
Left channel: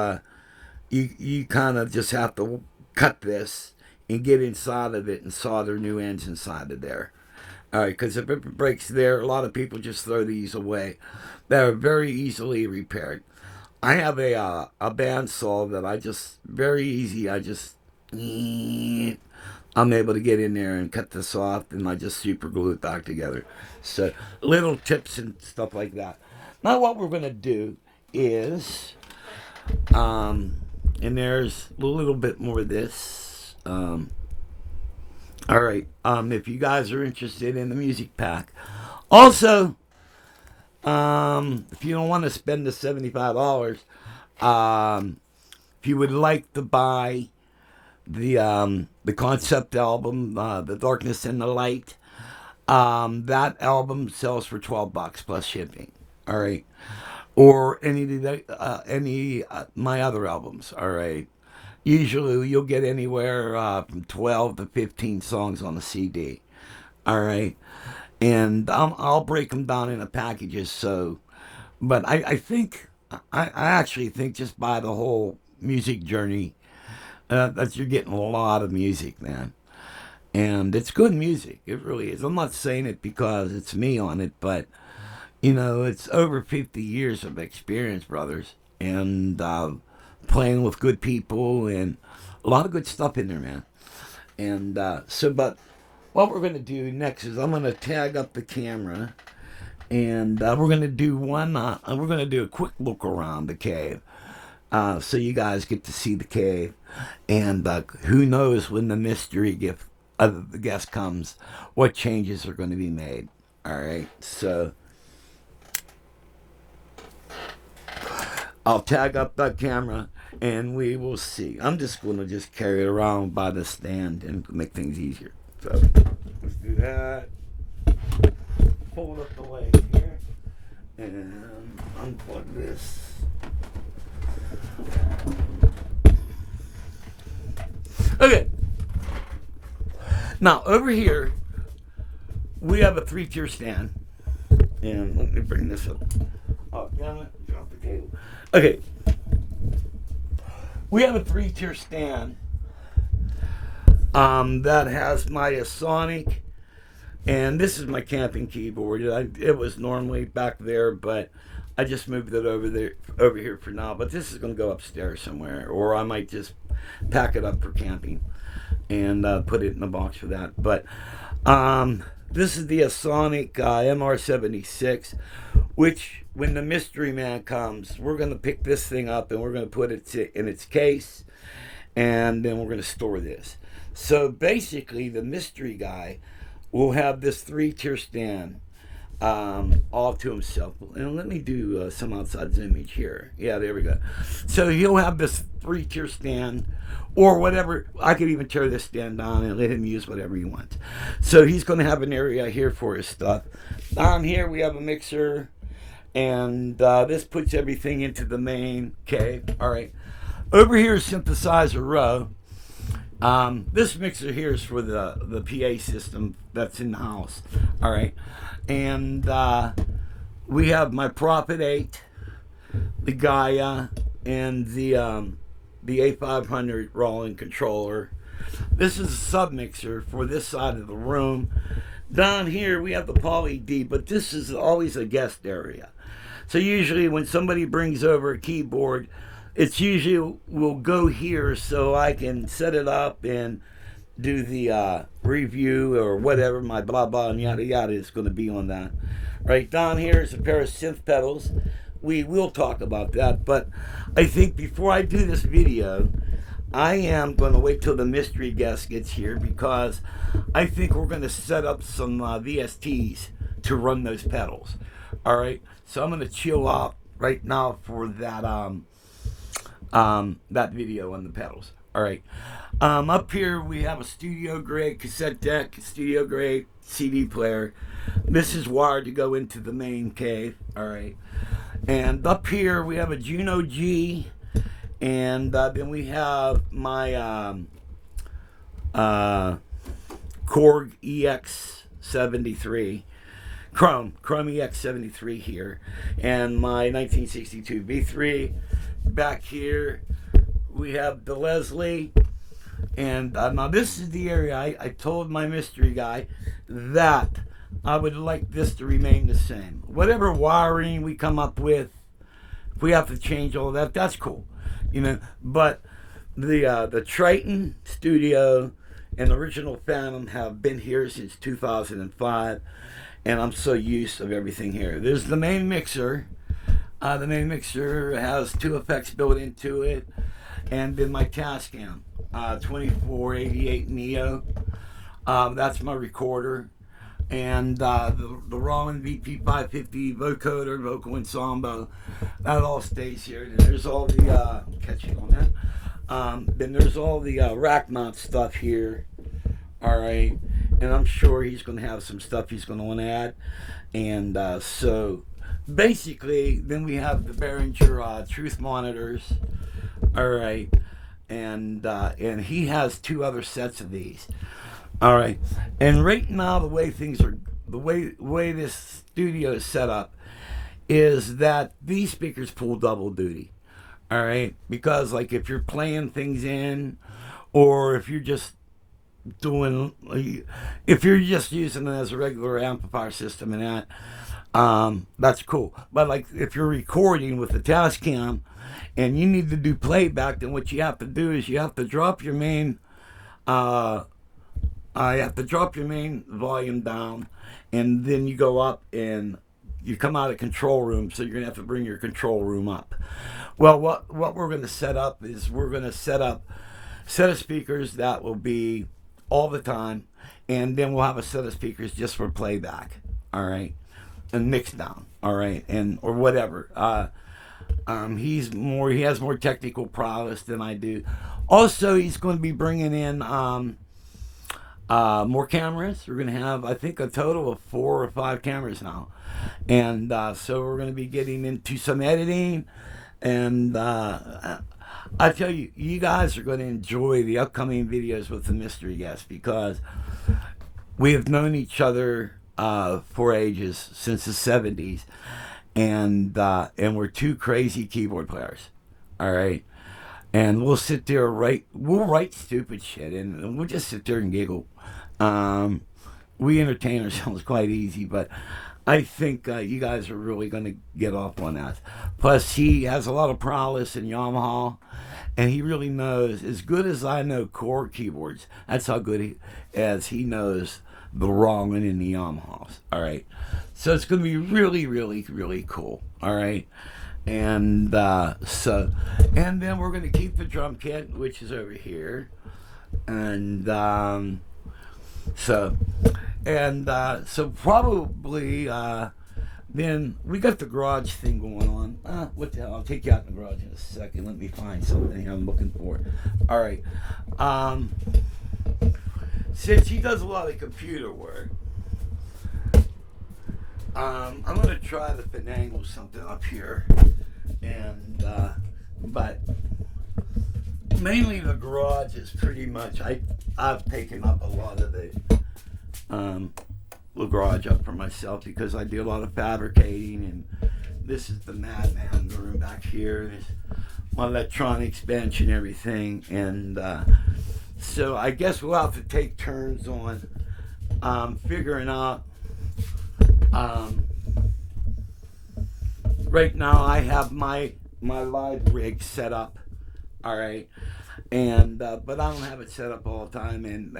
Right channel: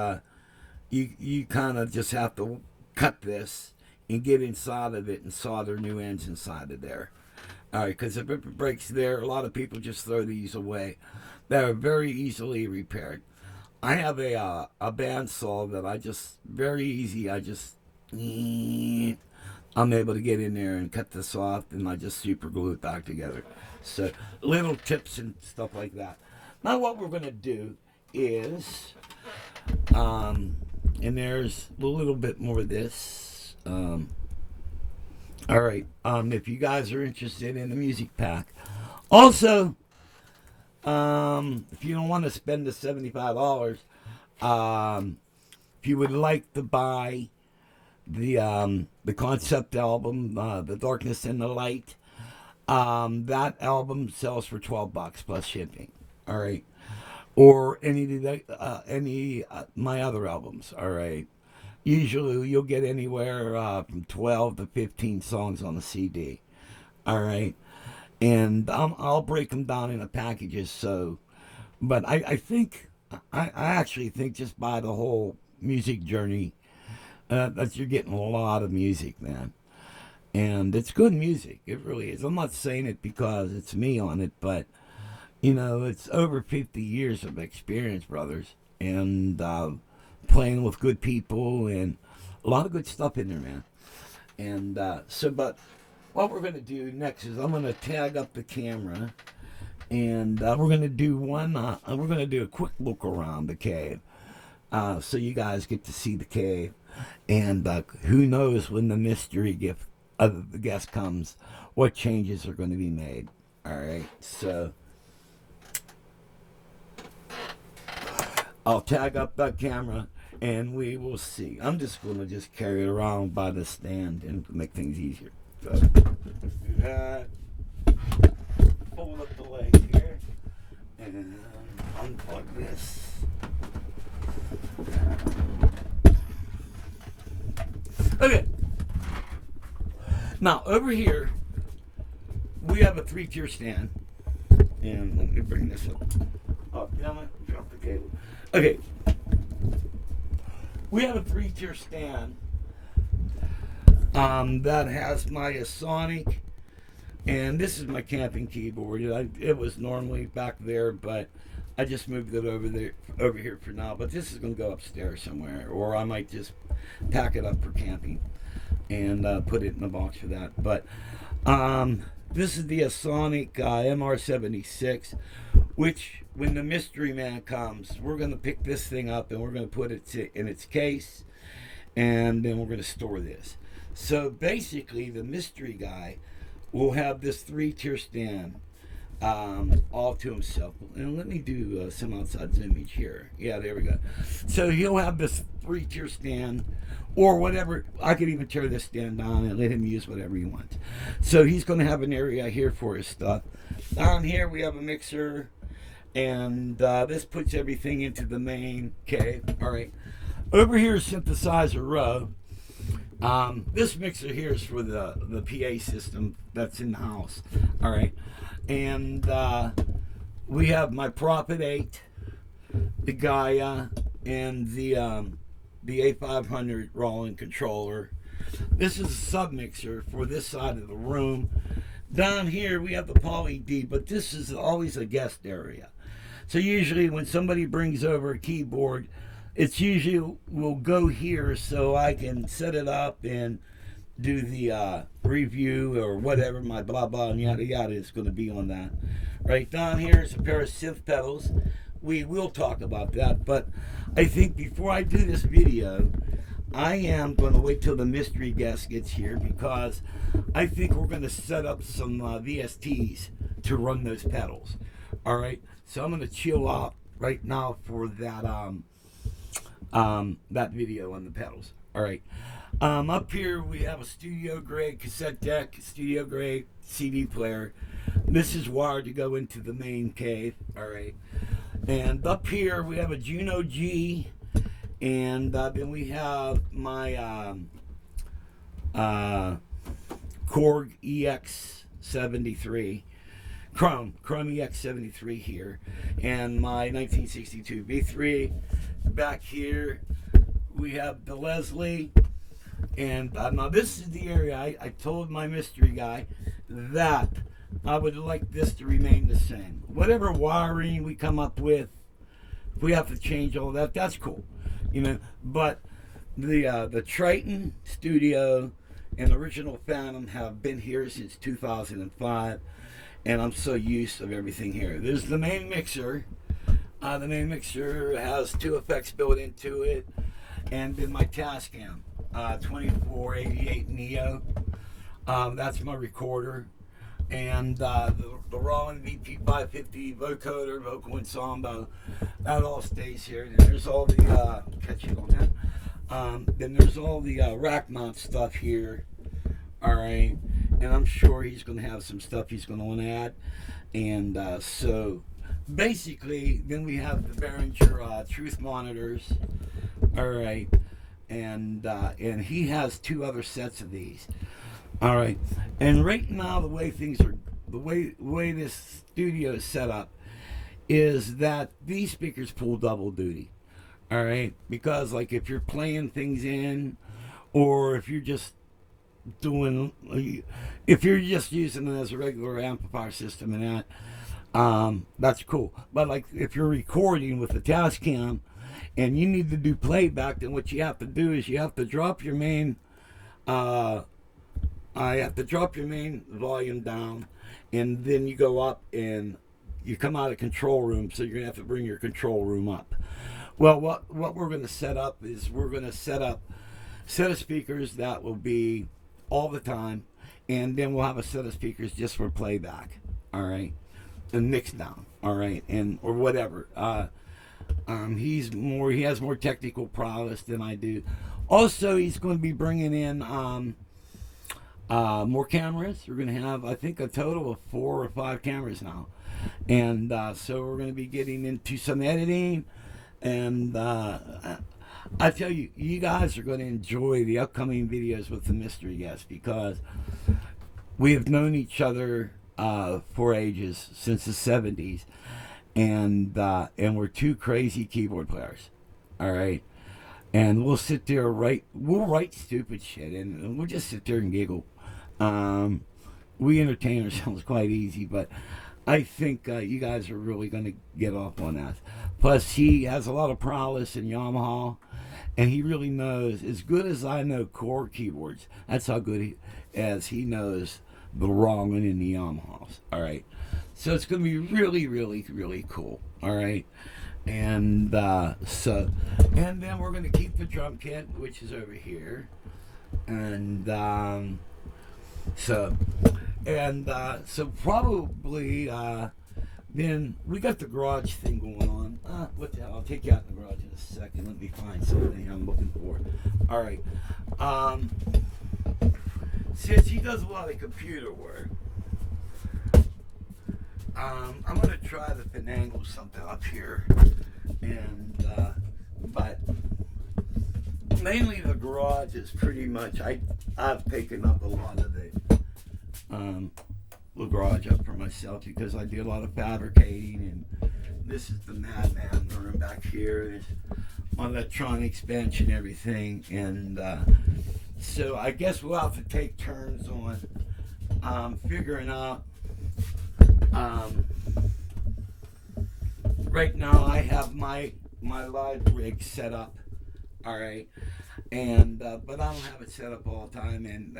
you kind of just have to cut this and get inside of it and solder new ends inside of there. All right, because if it breaks there, a lot of people just throw these away. They're very easily repaired. I have a bandsaw that I just very easy. I'm able to get in there and cut this off, and I just super glue it back together. So little tips and stuff like that. Now what we're gonna do is, and there's a little bit more of this. All right. If you guys are interested in the music pack, also, if you don't want to spend the $75, if you would like to buy the concept album, The Darkness and the Light, that album sells for $12 plus shipping. All right. Or any my other albums. All right. Usually you'll get anywhere from 12 to 15 songs on a CD. All right. And I'll break them down into packages. So, but I think, I actually think just by the whole music journey, that you're getting a lot of music, man. And it's good music. It really is. I'm not saying it because it's me on it, but, you know, it's over 50 years of experience, brothers. And, playing with good people and a lot of good stuff in there, man. And but what we're going to do next is I'm going to tag up the camera, and we're going to do we're going to do a quick look around the cave, so you guys get to see the cave, and who knows when the mystery gift of the guest comes, what changes are going to be made. All right, so I'll tag up that camera and we will see. I'm just going to just carry it around by the stand and make things easier. So let's do that. Pull up the leg here and unplug this. Okay. Now over here we have a 3-tier stand. And let me bring this up. Oh, damn it. Drop the cable. Okay. We have a 3-tier stand that has my Sonic, and this is my camping keyboard. It was normally back there, but I just moved it over here for now. But this is going to go upstairs somewhere, or I might just pack it up for camping and put it in the box for that. But this is the Sonic MR76, which, when the mystery man comes, we're going to pick this thing up and we're going to put it in its case, and then we're going to store this. So basically, the mystery guy will have this 3-tier stand all to himself. And let me do some outside image here. Yeah, there we go. So he'll have this 3-tier stand, or whatever. I could even tear this stand down and let him use whatever he wants. So he's going to have an area here for his stuff. Down here we have a mixer, and this puts everything into the main cave. All right. Over here is synthesizer row. This mixer here is for the PA system that's in the house. All right. And we have my Prophet 8, the Gaia, and the A500 Roland controller. This is a sub mixer for this side of the room. Down here we have the Poly D, but this is always a guest area. So usually when somebody brings over a keyboard, it's usually will go here so I can set it up and do the review or whatever, my blah blah and yada yada is going to be on that. Right down here is a pair of synth pedals. We will talk about that, but I think before I do this video, I am going to wait till the mystery guest gets here, because I think we're going to set up some VSTs to run those pedals. All right, so I'm going to chill out right now for that that video on the pedals. All right, up here we have a studio grade cassette deck, studio grade CD player. This is wired to go into the main cave. All right, and up here we have a Juno G, and then we have my Korg EX73. Chrome EX73 here, and my 1962 V3. Back here we have the Leslie, and now this is the area I told my mystery guy that I would like this to remain the same. Whatever wiring we come up with, if we have to change all that, that's cool, you know. But the Triton Studio and the original Phantom have been here since 2005, and I'm so used to everything here. There's the main mixer. The main mixer has 2 effects built into it, and then my Tascam 2488 Neo. That's my recorder. And the Roland VP550 vocoder, vocal ensemble, that all stays here. And there's all the, I'm catching on that. Then there's all the rack mount stuff here. All right. And I'm sure he's going to have some stuff he's going to want to add. And so basically, then we have the Behringer Truth monitors. All right. And he has 2 other sets of these. All right, and right now the way things are, the way this studio is set up, is that these speakers pull double duty. All right, because like if you're playing things in, or if you're just doing, if you're just using it as a regular amplifier system and that's cool. But like if you're recording with the Tascam, and you need to do playback, then what you have to do is you have to drop your main. You have to drop your main volume down, and then you go up and you come out of control room, so you're going to have to bring your control room up. Well, what we're going to set up is we're going to set up a set of speakers that will be all the time, and then we'll have a set of speakers just for playback, all right, and mix down, all right, and or whatever. He has more technical prowess than I do. Also, he's going to be bringing in more cameras. We're going to have, I think, a total of 4 or 5 cameras now. And so we're going to be getting into some editing. And I tell you, you guys are going to enjoy the upcoming videos with the mystery guest, because we have known each other for ages, since the 70s. And we're 2 crazy keyboard players. All right. And we'll sit there, we'll write stupid shit, and we'll just sit there and giggle. We entertain ourselves quite easy, but I think you guys are really going to get off on that. Plus, he has a lot of prowess in Yamaha, and he really knows, as good as I know core keyboards, that's how good he knows the Roland in the Yamahas. All right. So it's going to be really, really, really cool. All right. And and then we're going to keep the drum kit, which is over here. And so probably then we got the garage thing going on. What the hell? I'll take you out in the garage in a second. Let me find something I'm looking for. All right. Since he does a lot of computer work, I'm going to try to finagle something up here, and but mainly the garage is pretty much, I've taken up a lot of the garage up for myself, because I do a lot of fabricating, and this is the Madman room back here. There's my electronics bench and everything, and so I guess we'll have to take turns on figuring out. Right now I have my live rig set up, all right, and but I don't have it set up all the time, and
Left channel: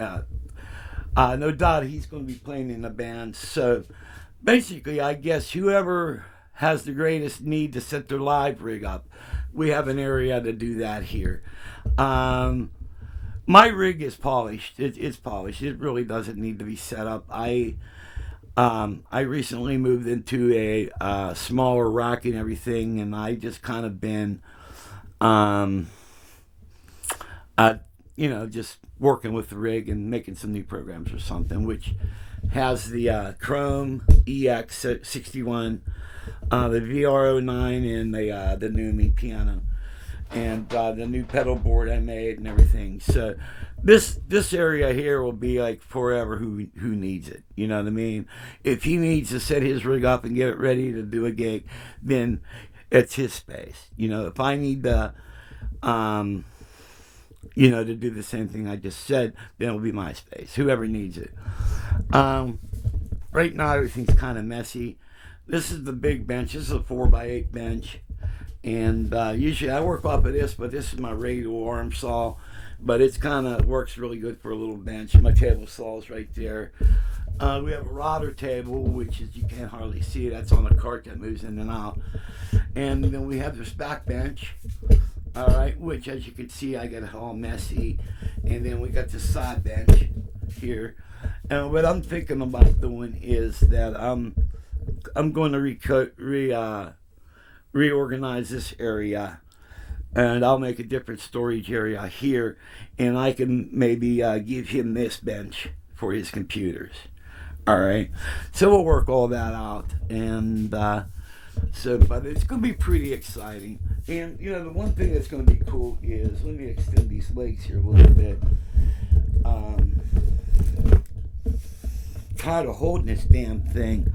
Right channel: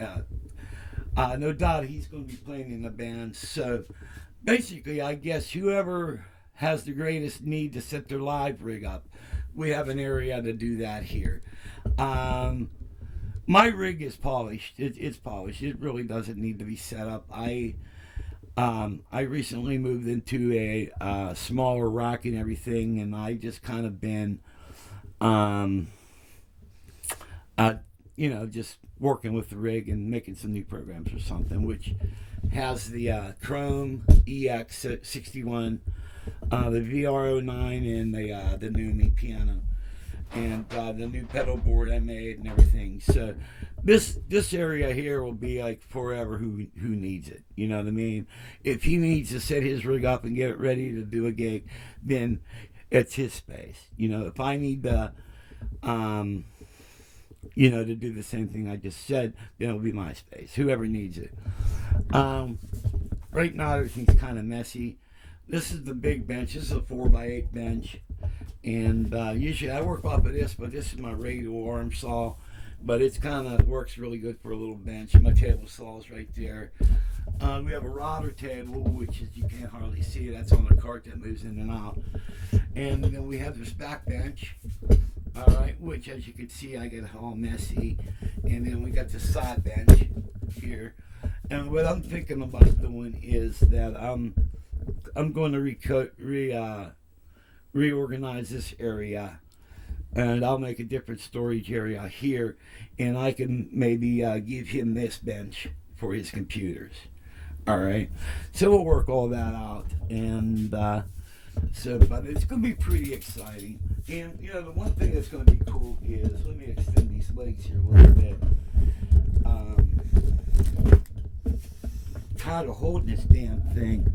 no doubt he's going to be playing in the band. So basically, I guess whoever has the greatest need to set their live rig up, we have an area to do that here. My rig is polished. It's polished. It really doesn't need to be set up. I recently moved into a smaller rack and everything, and I just kind of been, just working with the rig and making some new programs or something, which has the Chrome EX61, the VRO9, and the Numi piano, and the new pedal board I made and everything. So this area here will be like forever who needs it. You know what I mean? If he needs to set his rig up and get it ready to do a gig, then it's his space. You know, if I need to, to do the same thing I just said, then it'll be my space. Whoever needs it. Right now everything's kind of messy. This is the big bench. This is a 4x8 bench. And usually I work off of this, but this is my radial arm saw. But it's kind of works really good for a little bench. My table saw is right there. We have a router table, which is, you can't hardly see it. That's on a cart that moves in and out. And then we have this back bench, all right, which as you can see, I got it all messy. And then we got the side bench here. And what I'm thinking about doing is that I'm going to reorganize this area, and I'll make a different storage area here, and I can maybe give him this bench for his computers. All right, so we'll work all that out, and but it's going to be pretty exciting. And you know, the one thing that's going to be cool is, let me extend these legs here a little bit. Tired of holding this damn thing.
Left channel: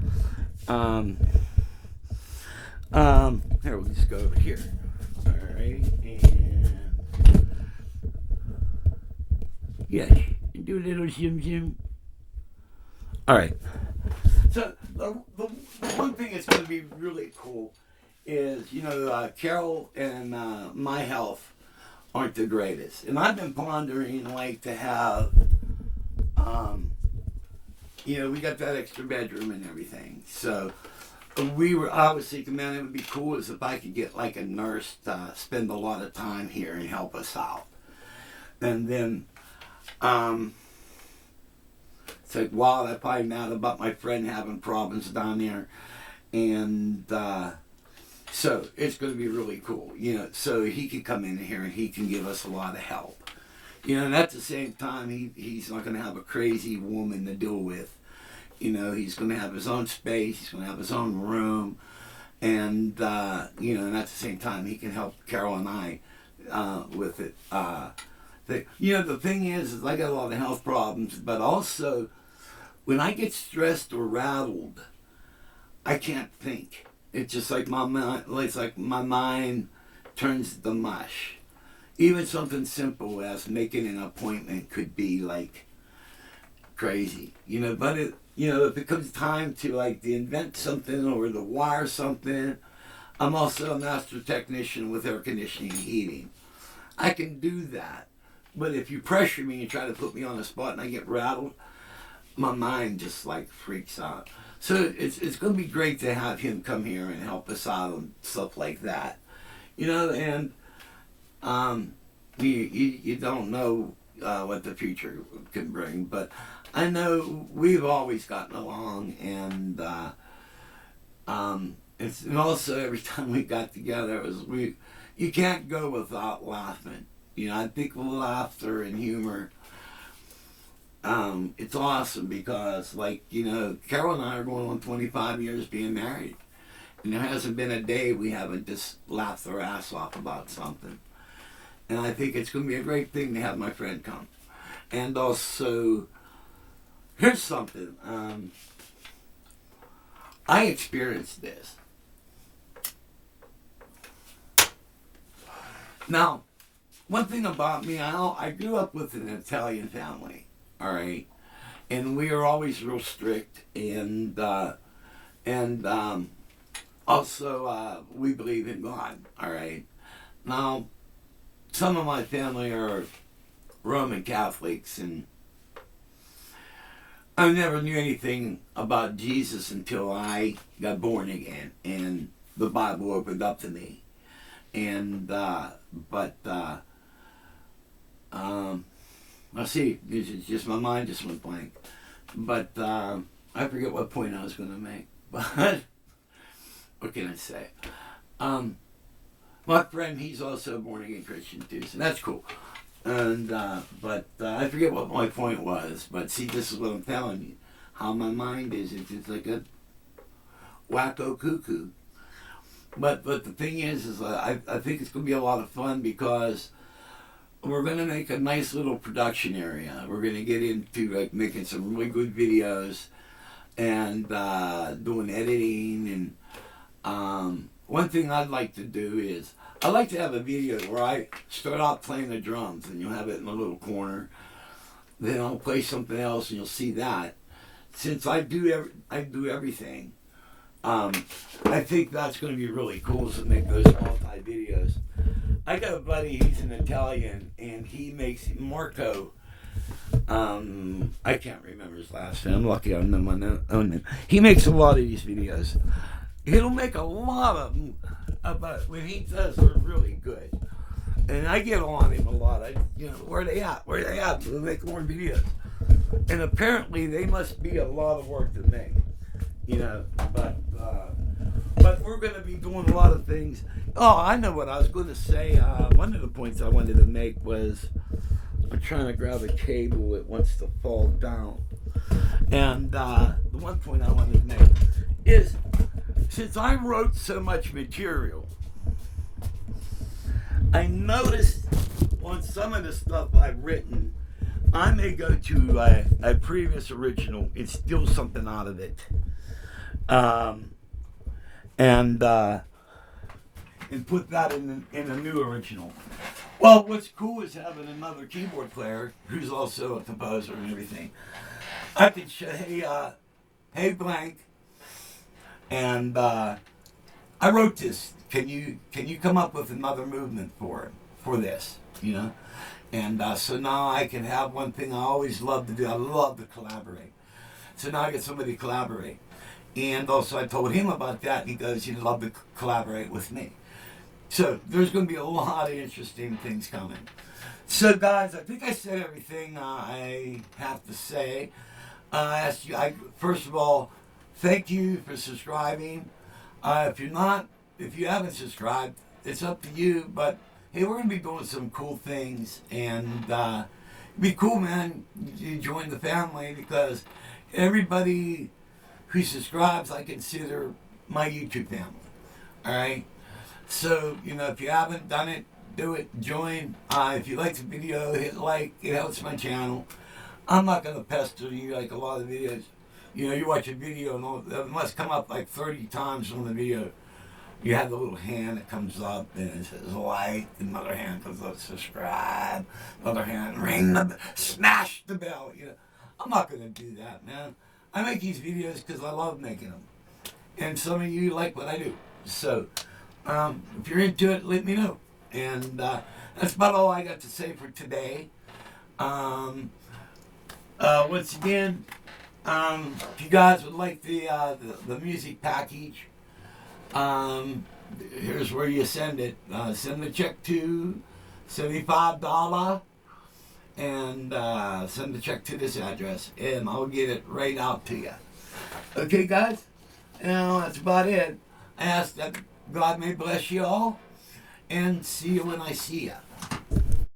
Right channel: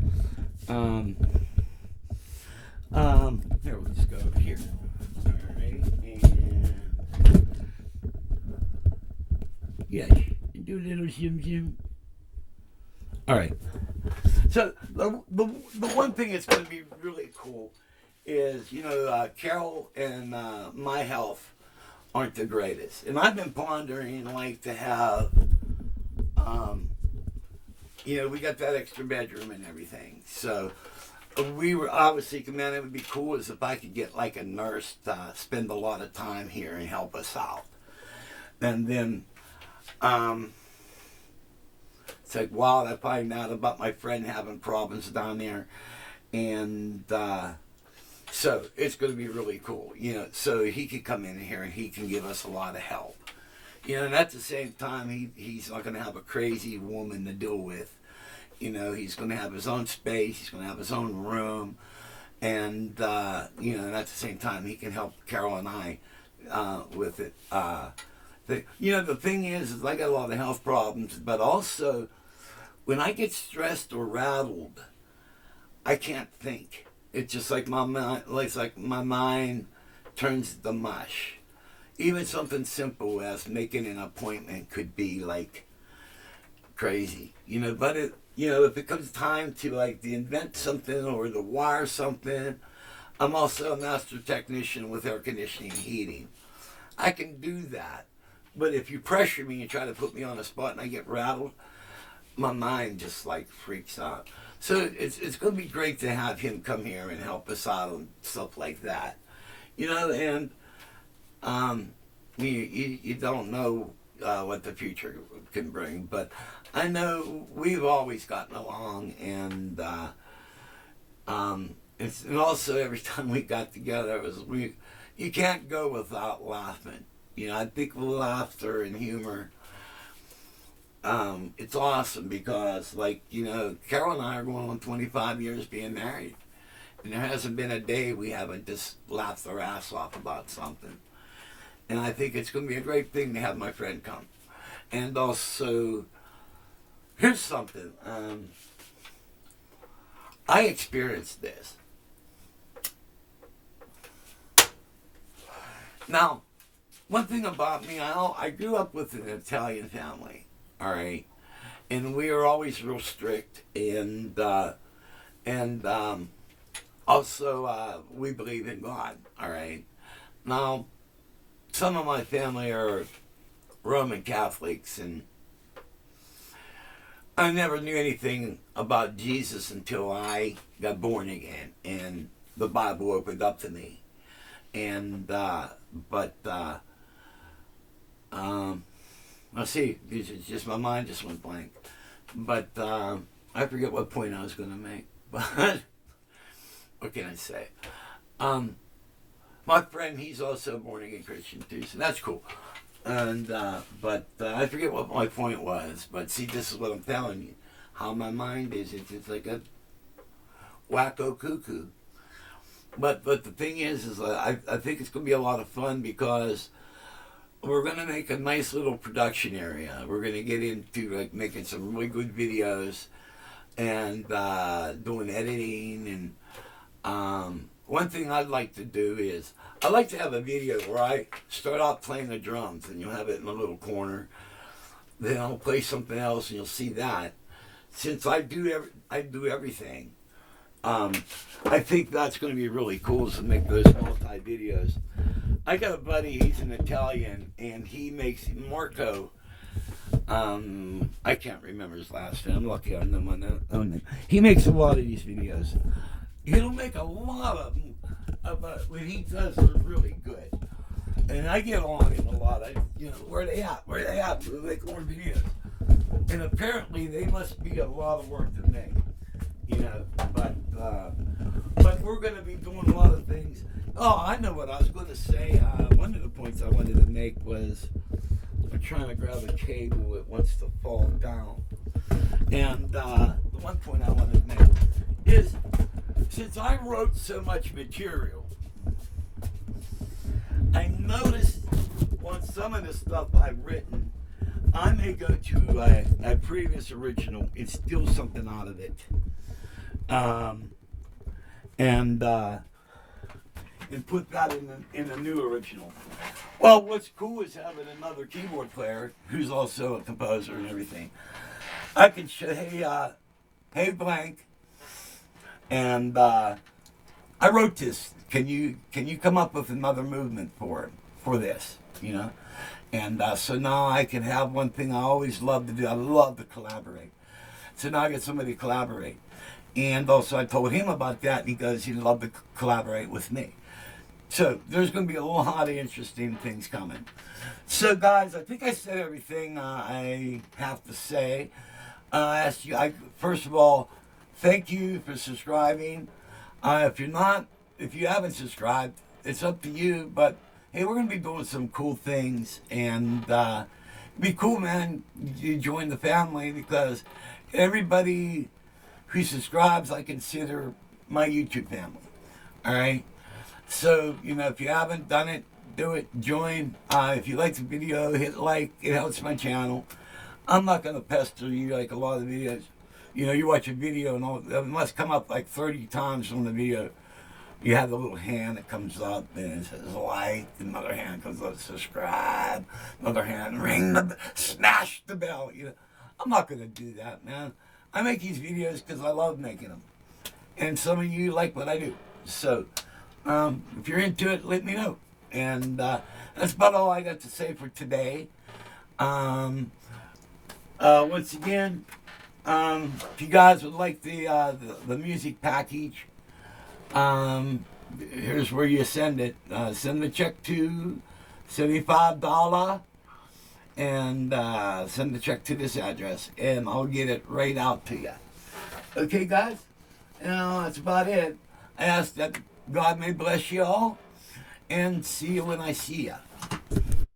Here, we'll just go over here. All right, and yeah, do a little zoom. All right. So the one thing that's going to be really cool is, you know, Carol and my health aren't the greatest, and I've been pondering like to have, you know, we got that extra bedroom and everything, so we were obviously, man, it would be cool as if I could get like a nurse to spend a lot of time here and help us out. And then it's like, wow, I find out about my friend having problems down there, and so it's going to be really cool, you know, so he could come in here and he can give us a lot of help, you know, and at the same time he's not going to have a crazy woman to deal with. You know, he's going to have his own space. He's going to have his own room. And, you know, and at the same time, he can help Carol and I with it. You know, the thing is I got a lot of health problems, but also when I get stressed or rattled, I can't think. It's just like my mind turns to mush. Even something simple as making an appointment could be like crazy, you know, but you know, if it comes time to like to invent something or to wire something, I'm also a master technician with air conditioning and heating. I can do that. But if you pressure me and try to put me on the spot and I get rattled, my mind just like freaks out. So it's going to be great to have him come here and help us out and stuff like that. You know, and you don't know what the future can bring, but I know we've always gotten along, and and also every time we got together, you can't go without laughing. You know, I think laughter and humor, it's awesome because, like, you know, Carol and I are going on 25 years being married, and there hasn't been a day we haven't just laughed our ass off about something. And I think it's going to be a great thing to have my friend come. And also, here's something. I experienced this. Now, one thing about me, I grew up with an Italian family, all right? And we were always real strict. And also, we believe in God, all right? Now, some of my family are Roman Catholics, and I never knew anything about Jesus until I got born again and the Bible opened up to me. And let's see, it's just my mind just went blank. But I forget what point I was going to make. But what can I say? My friend, he's also a born again Christian too, so that's cool. And but I forget what my point was. But see, this is what I'm telling you, how my mind is. It's just like a wacko cuckoo. But the thing is I think it's gonna be a lot of fun because we're gonna make a nice little production area. We're gonna get into like making some really good videos and doing editing. And one thing I'd like to do is I'd like to have a video where I start out playing the drums and you'll have it in a little corner. Then I'll play something else and you'll see that. since I do everything, I think that's going to be really cool to make those multi videos. I got a buddy, he's an Italian, and he makes Marco. I can't remember his last name. I'm lucky on the one. He makes a lot of these videos. He'll make a lot of them, but when he does, they're really good. And I get on him a lot. Where are they at? Where are they at? We'll make more videos. And apparently, they must be a lot of work to make. But we're going to be doing a lot of things. Oh, I know what I was going to say. One of the points I wanted to make was I'm trying to grab a cable that wants to fall down. And the one point I wanted to make is, since I wrote so much material, I noticed on some of the stuff I've written, I may go to a previous original and steal something out of it. And put that in a new original. Well, what's cool is having another keyboard player who's also a composer and everything. I can say, hey blank, and I wrote this. Can you come up with another movement for this? And so now I can have one thing I always love to do. I love to collaborate. So now I get somebody to collaborate. And also I told him about that, and he goes, he'd love to collaborate with me. So there's going to be a lot of interesting things coming. So guys, I think I said everything I have to say. First of all, thank you for subscribing. If you haven't subscribed, it's up to you. But hey, we're going to be doing some cool things, and it'd be cool, man. You join the family, because everybody who subscribes, I consider my YouTube family. All right. So, if you haven't done it, do it. Join. If you like the video, hit like. It helps my channel. I'm not going to pester you like a lot of videos. You watch a video and it must come up like 30 times on the video. You have the little hand that comes up and it says like. Another hand comes up, subscribe. Another hand, smash the bell. I'm not going to do that, man. I make these videos because I love making them. And some of you like what I do. So, if you're into it, let me know. And that's about all I got to say for today. Once again, if you guys would like the music package, here's where you send it. Send the check to $75 and send the check to this address, and I'll get it right out to you. Okay, guys? That's about it. I ask that God may bless you all, and see you when I see you.